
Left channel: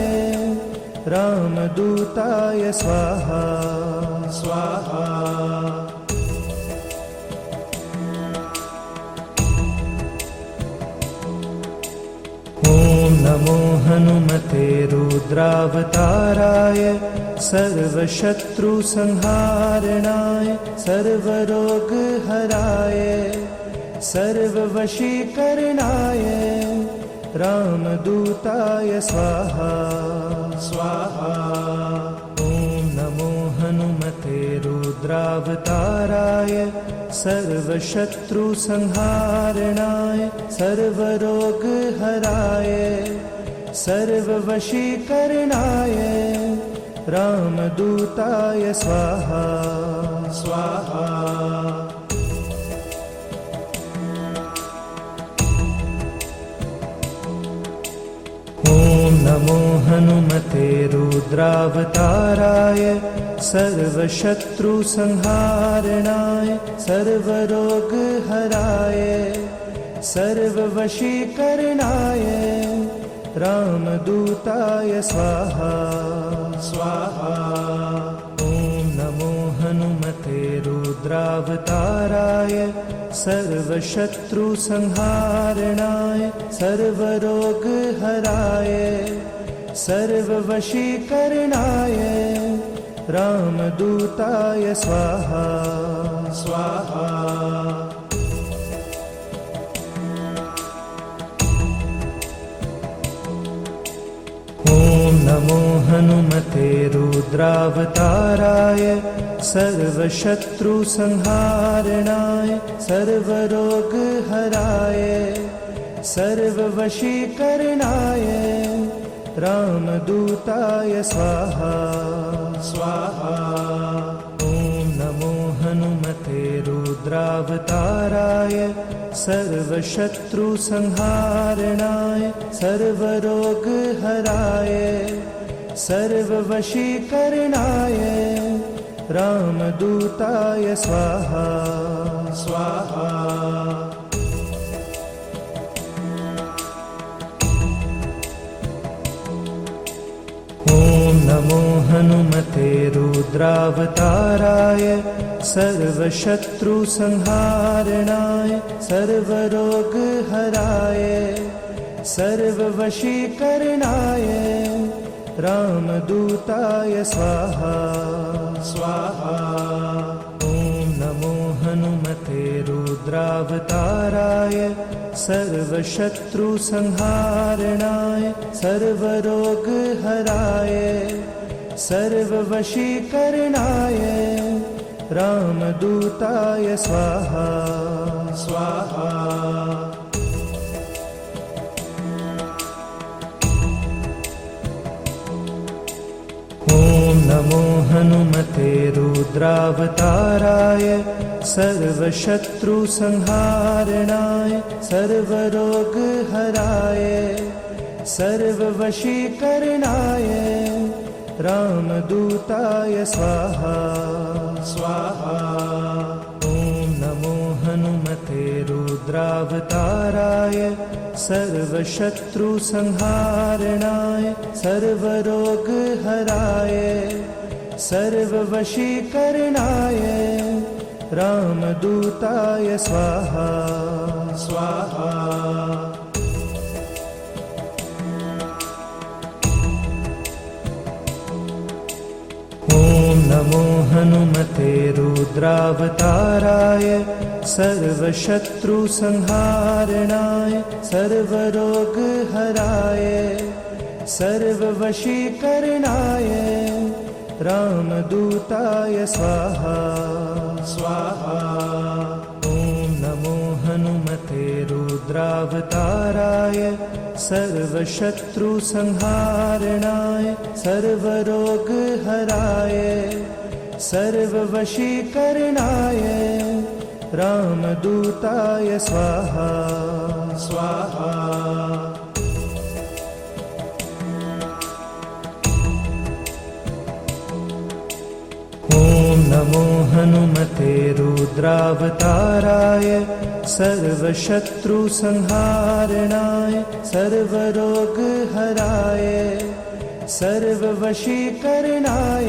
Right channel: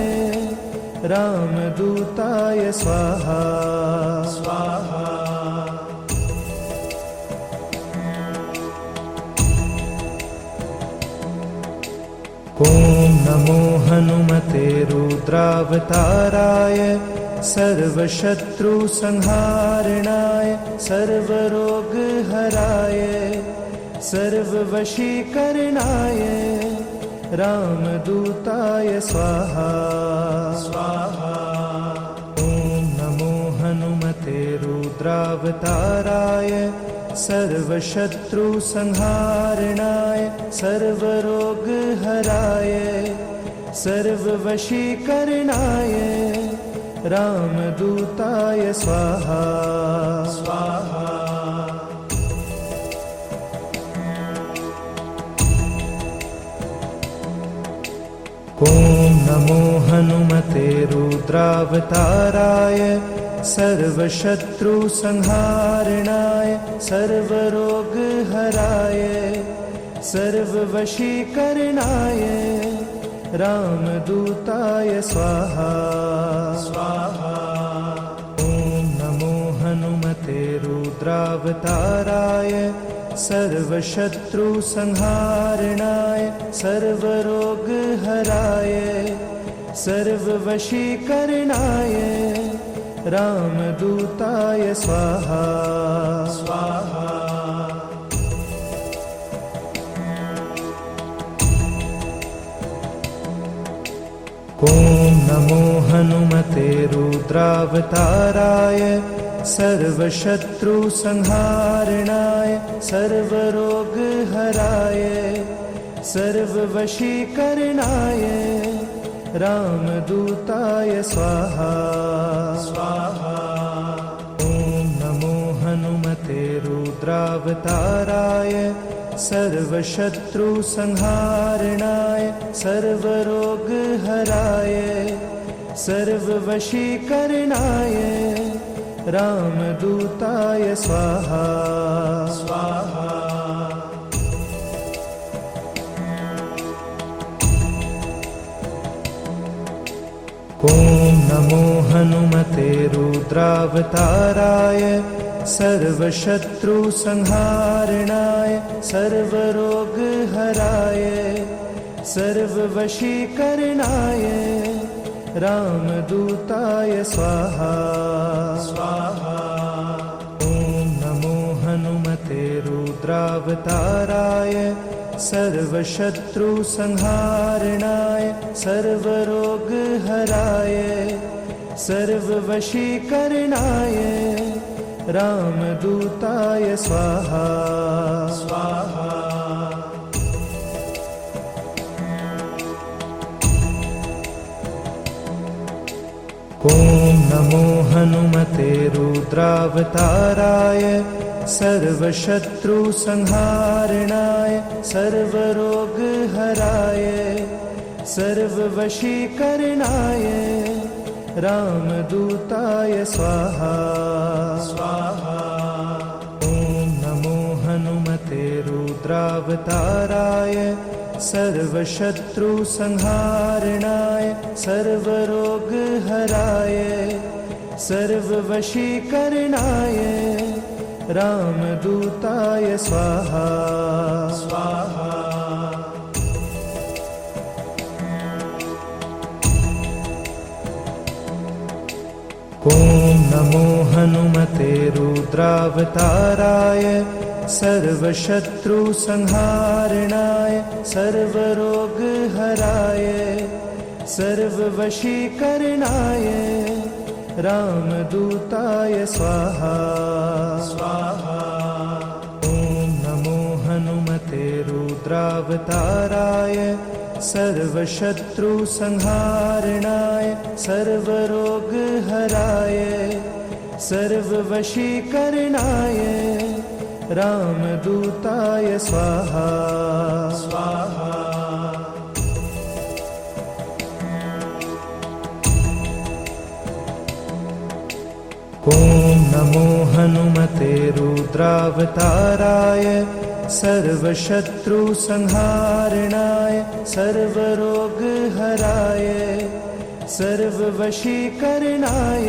रामदूताय स्वाहा स्वाहा। ॐ ॐ नमो हनुमते रुद्रावताराय सर्वशत्रुसंहारणाय सर्वरोगहराय सर्ववशीकरणाय रामदूताय स्वाहा स्वाहा। ॐ नमो हनुमते रुद्रावताराय सर्वशत्रुसंहारणाय सर्वरोगहराय सर्ववशीकरणाय रामदूताय स्वाहा स्वाहा। ॐ नमो हनुमते रुद्रावताराय सर्वशत्रुसंहारणाय सर्वरोगहराय सर्ववशीकरणाय रामदूताय स्वाहा स्वाहा। ॐ नमो हनुमते रुद्रावताराय सर्वशत्रुसंहारणाय सर्वरोगहराय सर्ववशीकरणाय रामदूताय स्वाहा स्वाहा। ॐ नमो हनुमते रुद्रावताराय सर्वशत्रुसंहारणाय सर्वरोगहराय सर्ववशीकरणाय रामदूताय स्वाहा स्वाहा। ॐ नमो हनुमते रुद्रावताराय सर्वशत्रुसंहारणाय सर्वरोगहराय सर्ववशीकरणाय रामदूताय स्वाहा स्वाहा। ॐ नमो हनुमते रुद्रावताराय सर्वशत्रुसंहारणाय सर्वरोगहराय सर्ववशीकरणाय रामदूताय स्वाहा स्वाहा। ॐ नमो हनुमते रुद्रावताराय सर्वशत्रुसंहारणाय सर्वरोगहराय सर्ववशीकरणाय रामदूताय स्वाहा स्वाहा। ॐ नमो हनुमते रुद्रावताराय सर्वशत्रुसंहारणाय सर्वरोगहराय सर्ववशीकरणाय रामदूताय स्वाहा स्वाहा। ॐ नमो हनुमते रुद्रावताराय सर्वशत्रुसंहारणाय सर्वरोगहराय सर्ववशीकरणाय रामदूताय स्वाहा स्वाहा। ॐ नमो हनुमते रुद्रावताराय सर्वशत्रुसंहारणाय सर्वरोगहराय सर्ववशीकरणाय रामदूताय स्वाहा स्वाहा। ॐ नमो हनुमते रुद्रावताराय सर्वशत्रुसंहारणाय सर्वरोगहराय सर्ववशीकरणाय रामदूताय स्वाहा स्वाहा। ॐ नमो हनुमते रुद्रावताराय सर्वशत्रुसंहारणाय सर्वरोगहराय सर्ववशीकरणाय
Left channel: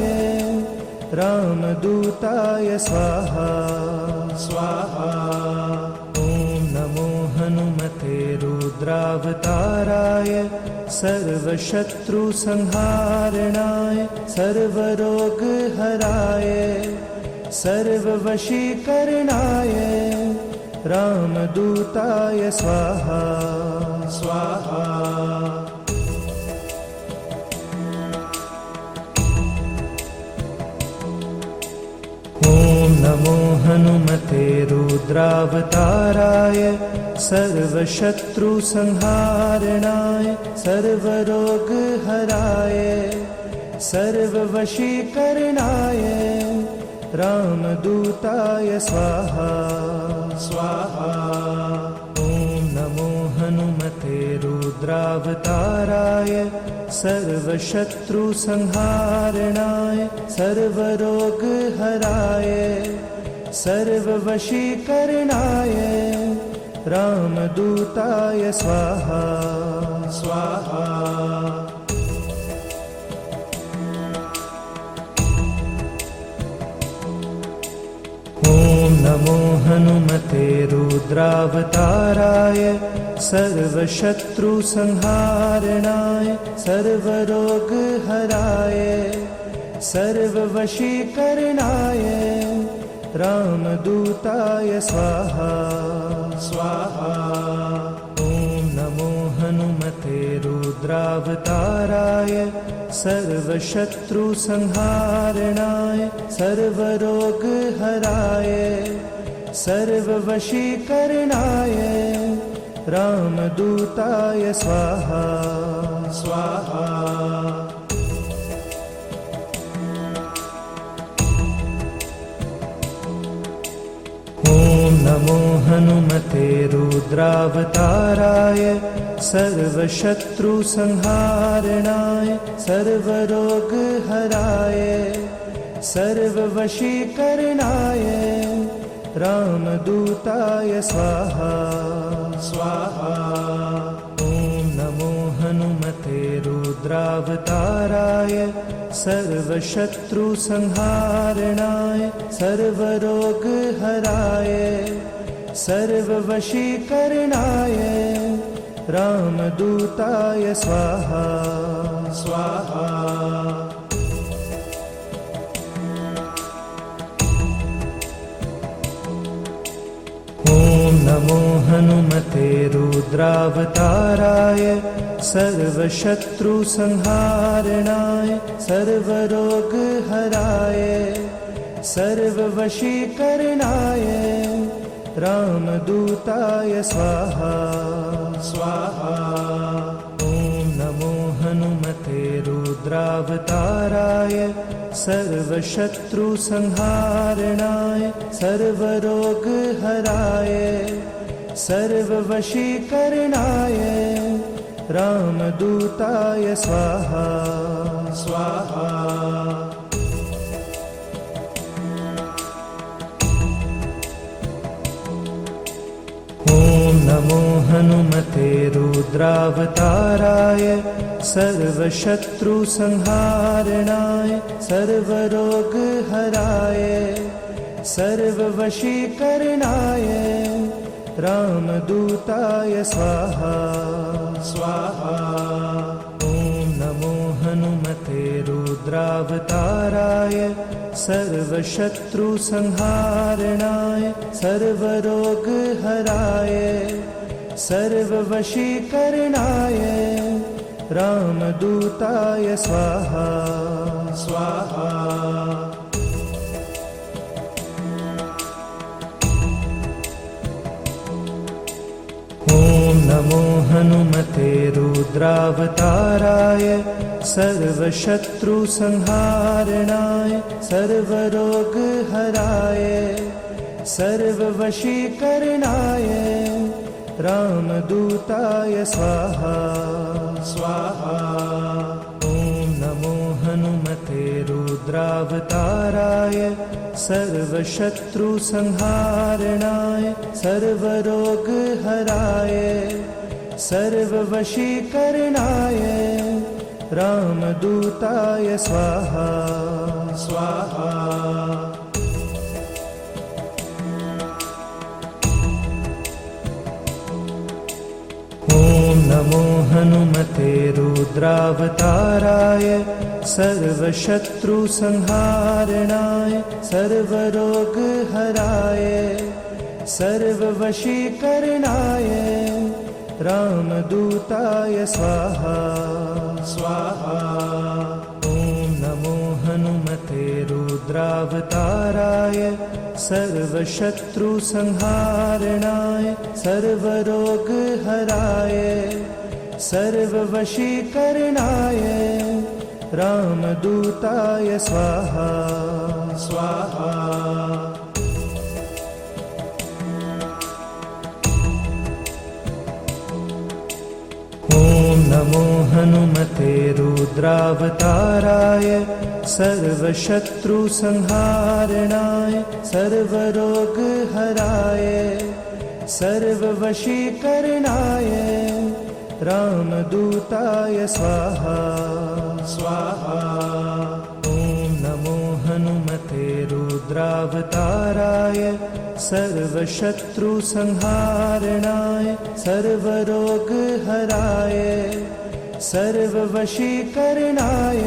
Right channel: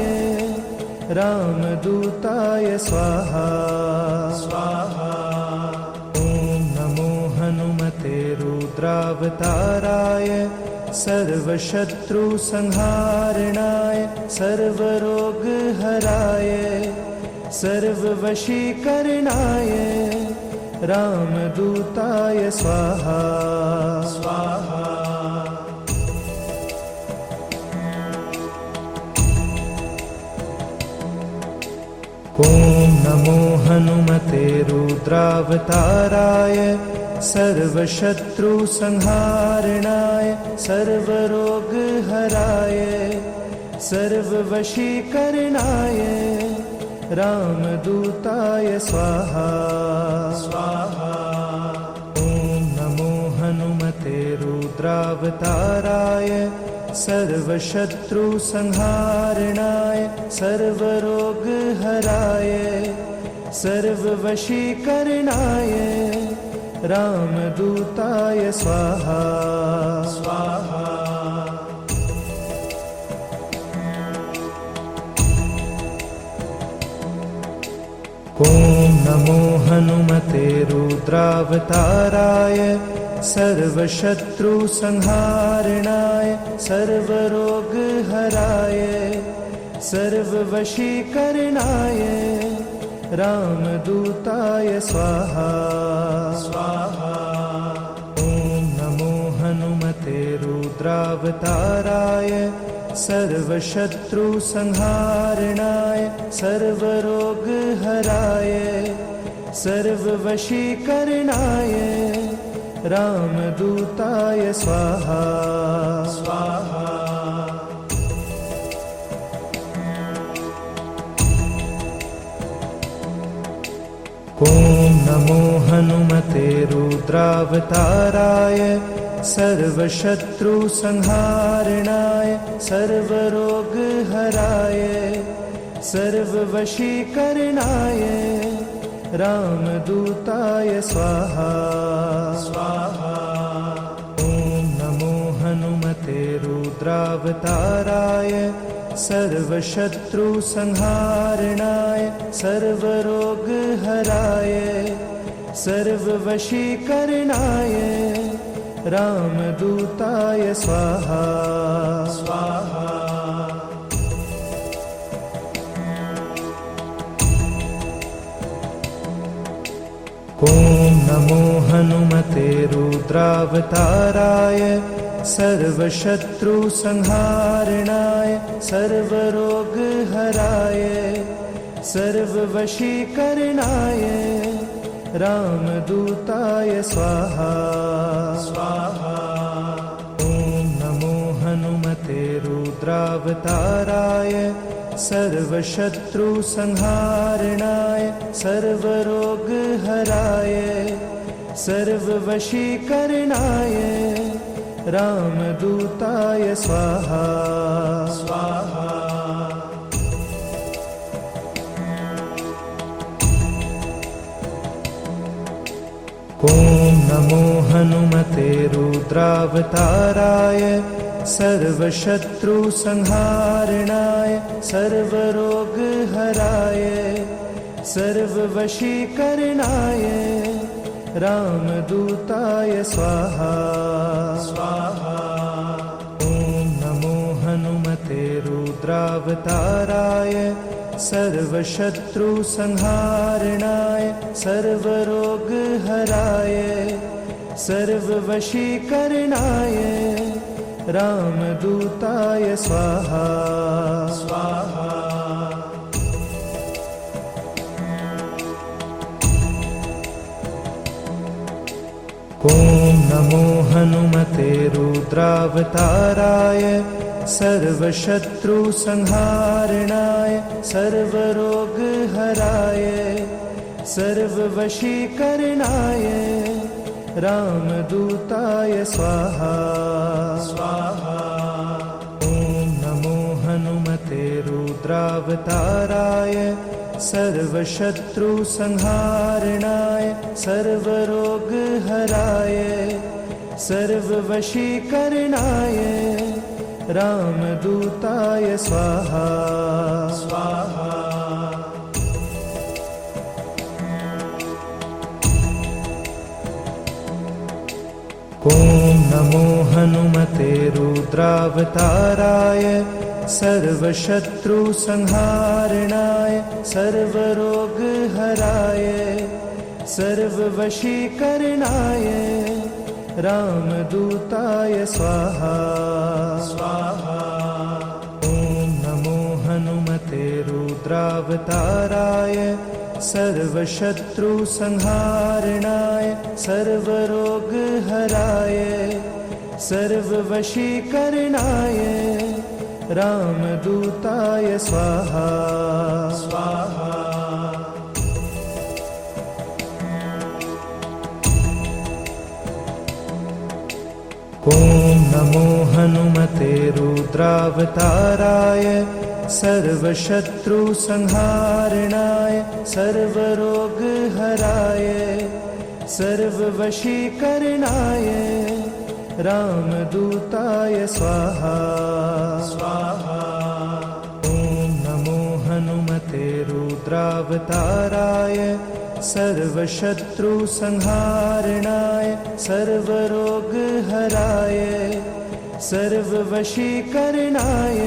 रामदूताय स्वाहा स्वाहा। ॐ नमो हनुमते रुद्रावताराय सर्वशत्रुसंहारणाय सर्वरोगहराय सर्ववशीकरणाय रामदूताय स्वाहा स्वाहा। ॐ नमो हनुमते रुद्रावताराय सर्वशत्रुसंहारणाय सर्वरोगहराय सर्ववशीकरणाय रामदूताय स्वाहा स्वाहा। ॐ नमो हनुमते रुद्रावताराय सर्वशत्रुसंहारणाय सर्वरोगहराय सर्ववशीकरणाय रामदूताय स्वाहा स्वाहा। ॐ नमो हनुमते रुद्रावताराय सर्वशत्रुसंहारणाय सर्वरोगहराय सर्ववशीकरणाय रामदूताय स्वाहा स्वाहा। ॐ नमो हनुमते रुद्रावताराय सर्वशत्रुसंहारणाय सर्वरोगहराय सर्ववशीकरणाय रामदूताय स्वाहा स्वाहा। ॐ नमो हनुमते रुद्रावताराय सर्वशत्रुसंहारणाय सर्वरोगहराय सर्ववशीकरणाय रामदूताय स्वाहा स्वाहा। ॐ नमो हनुमते रुद्रावताराय सर्वशत्रुसंहारणाय सर्वरोगहराय सर्ववशीकरणाय रामदूताय स्वाहा स्वाहा। ॐ नमो हनुमते रुद्रावताराय सर्वशत्रुसंहारणाय सर्वरोगहराय सर्ववशीकरणाय रामदूताय स्वाहा स्वाहा। ॐ नमो हनुमते रुद्रावताराय सर्वशत्रुसंहारणाय सर्वरोगहराय सर्ववशीकरणाय रामदूताय स्वाहा स्वाहा। ॐ नमो हनुमते रुद्रावताराय सर्वशत्रुसंहारणाय सर्वरोगहराय सर्ववशीकरणाय रामदूताय स्वाहा स्वाहा। ॐ नमो हनुमते रुद्रावताराय सर्वशत्रुसंहारणाय सर्वरोगहराय सर्ववशीकरणाय रामदूताय स्वाहा स्वाहा। ॐ नमो हनुमते रुद्रावताराय सर्वशत्रुसंहारणाय सर्वरोगहराय सर्ववशीकरणाय रामदूताय स्वाहा स्वाहा। ॐ नमो हनुमते रुद्रावताराय सर्वशत्रुसंहारणाय सर्वरोगहराय सर्ववशीकरणाय रामदूताय स्वाहा स्वाहा। ॐ नमो हनुमते सर्वशत्रुसंहारणाय सर्वरोगहराय सर्ववशीकरणाय रामदूताय स्वाहा स्वाहा। ॐ नमो हनुमते रुद्रावताराय सर्वशत्रुसंहारणाय सर्वरोगहराय सर्ववशीकरणाय रामदूताय स्वाहा स्वाहा। ॐ नमो हनुमते रुद्रावताराय सर्वशत्रुसंहारणाय सर्वरोगहराय सर्ववशीकरणाय रामदूताय स्वाहा स्वाहा। ॐ नमो हनुमते रुद्रावताराय सर्वशत्रुसंहारणाय सर्वरोगहराय सर्ववशीकरणाय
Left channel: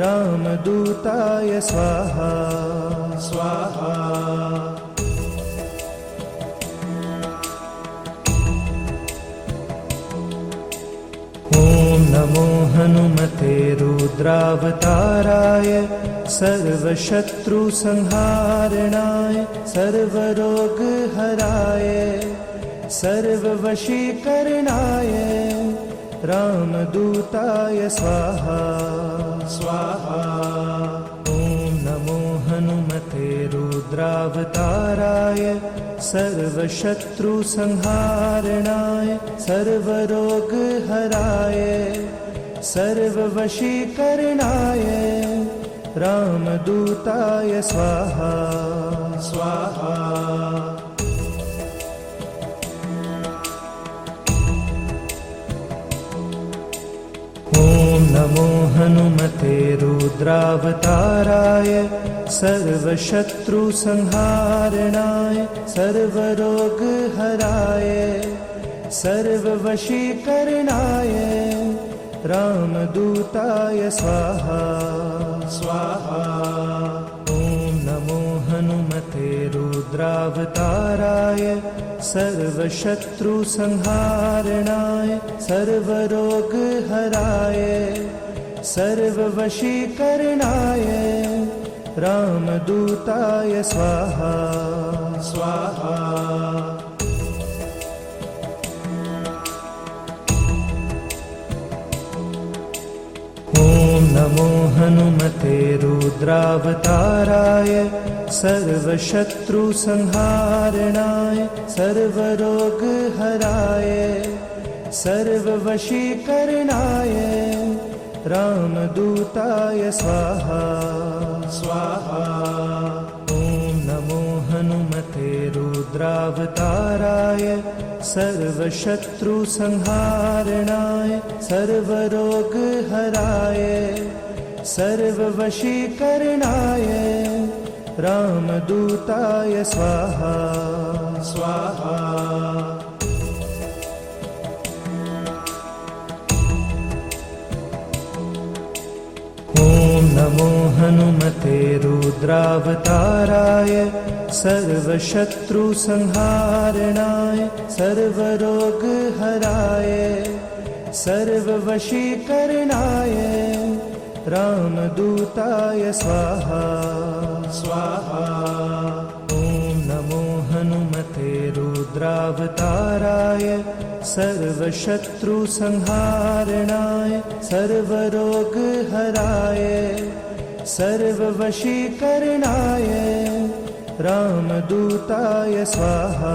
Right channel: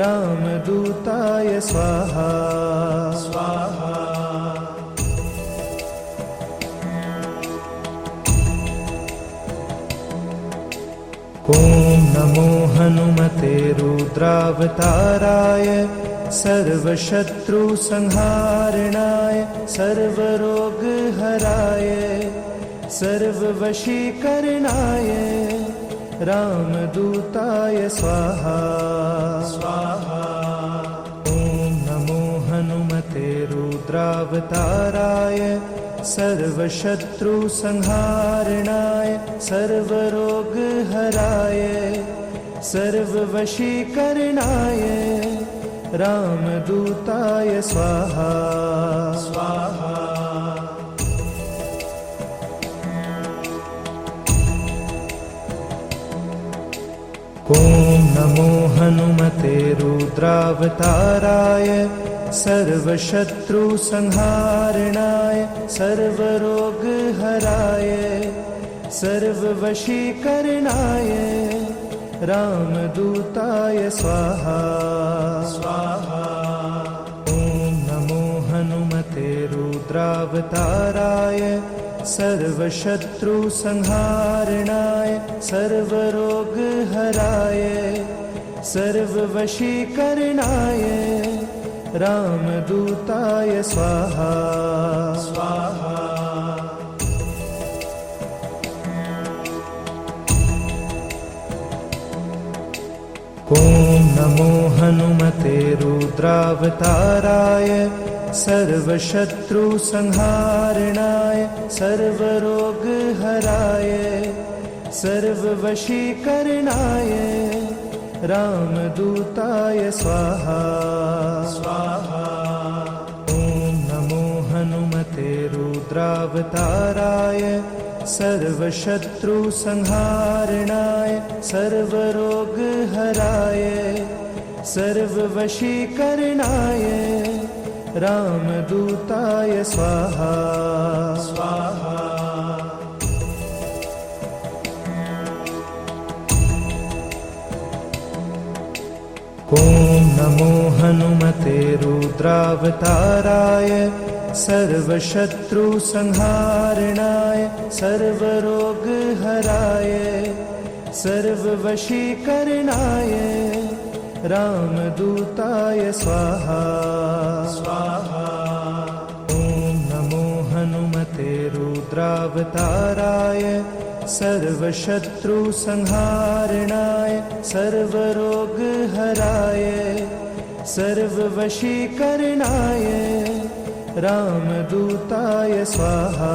रामदूताय स्वाहा स्वाहा। ॐ नमो हनुमते रुद्रावताराय सर्वशत्रुसंहारणाय सर्वरोगहराय सर्ववशीकरणाय रामदूताय स्वाहा स्वाहा। ॐ नमो हनुमते रुद्रावताराय सर्वशत्रुसंहारणाय सर्वरोगहराय सर्ववशीकरणाय रामदूताय स्वाहा स्वाहा। ॐ नमो हनुमते रुद्रावताराय सर्वशत्रुसंहारणाय सर्वरोगहराय सर्ववशीकरणाय रामदूताय स्वाहा स्वाहा। ॐ नमो हनुमते रुद्रावताराय सर्वशत्रुसंहारणाय सर्वरोगहराय सर्ववशीकरणाय रामदूताय स्वाहा स्वाहा। ॐ नमो हनुमते रुद्रावताराय सर्वशत्रुसंहारणाय सर्वरोगहराय सर्ववशीकरणाय रामदूताय स्वाहा स्वाहा। ॐ नमो हनुमते रुद्रावताराय सर्वशत्रुसंहारणाय सर्वरोगहराय सर्ववशीकरणाय रामदूताय स्वाहा स्वाहा। ॐ नमो हनुमते रुद्रावताराय सर्वशत्रुसंहारणाय सर्वरोगहराय सर्ववशीकरणाय रामदूताय स्वाहा स्वाहा। ॐ नमो हनुमते रुद्रावताराय सर्वशत्रुसंहारणाय सर्वरोगहराय सर्ववशीकरणाय रामदूताय स्वाहा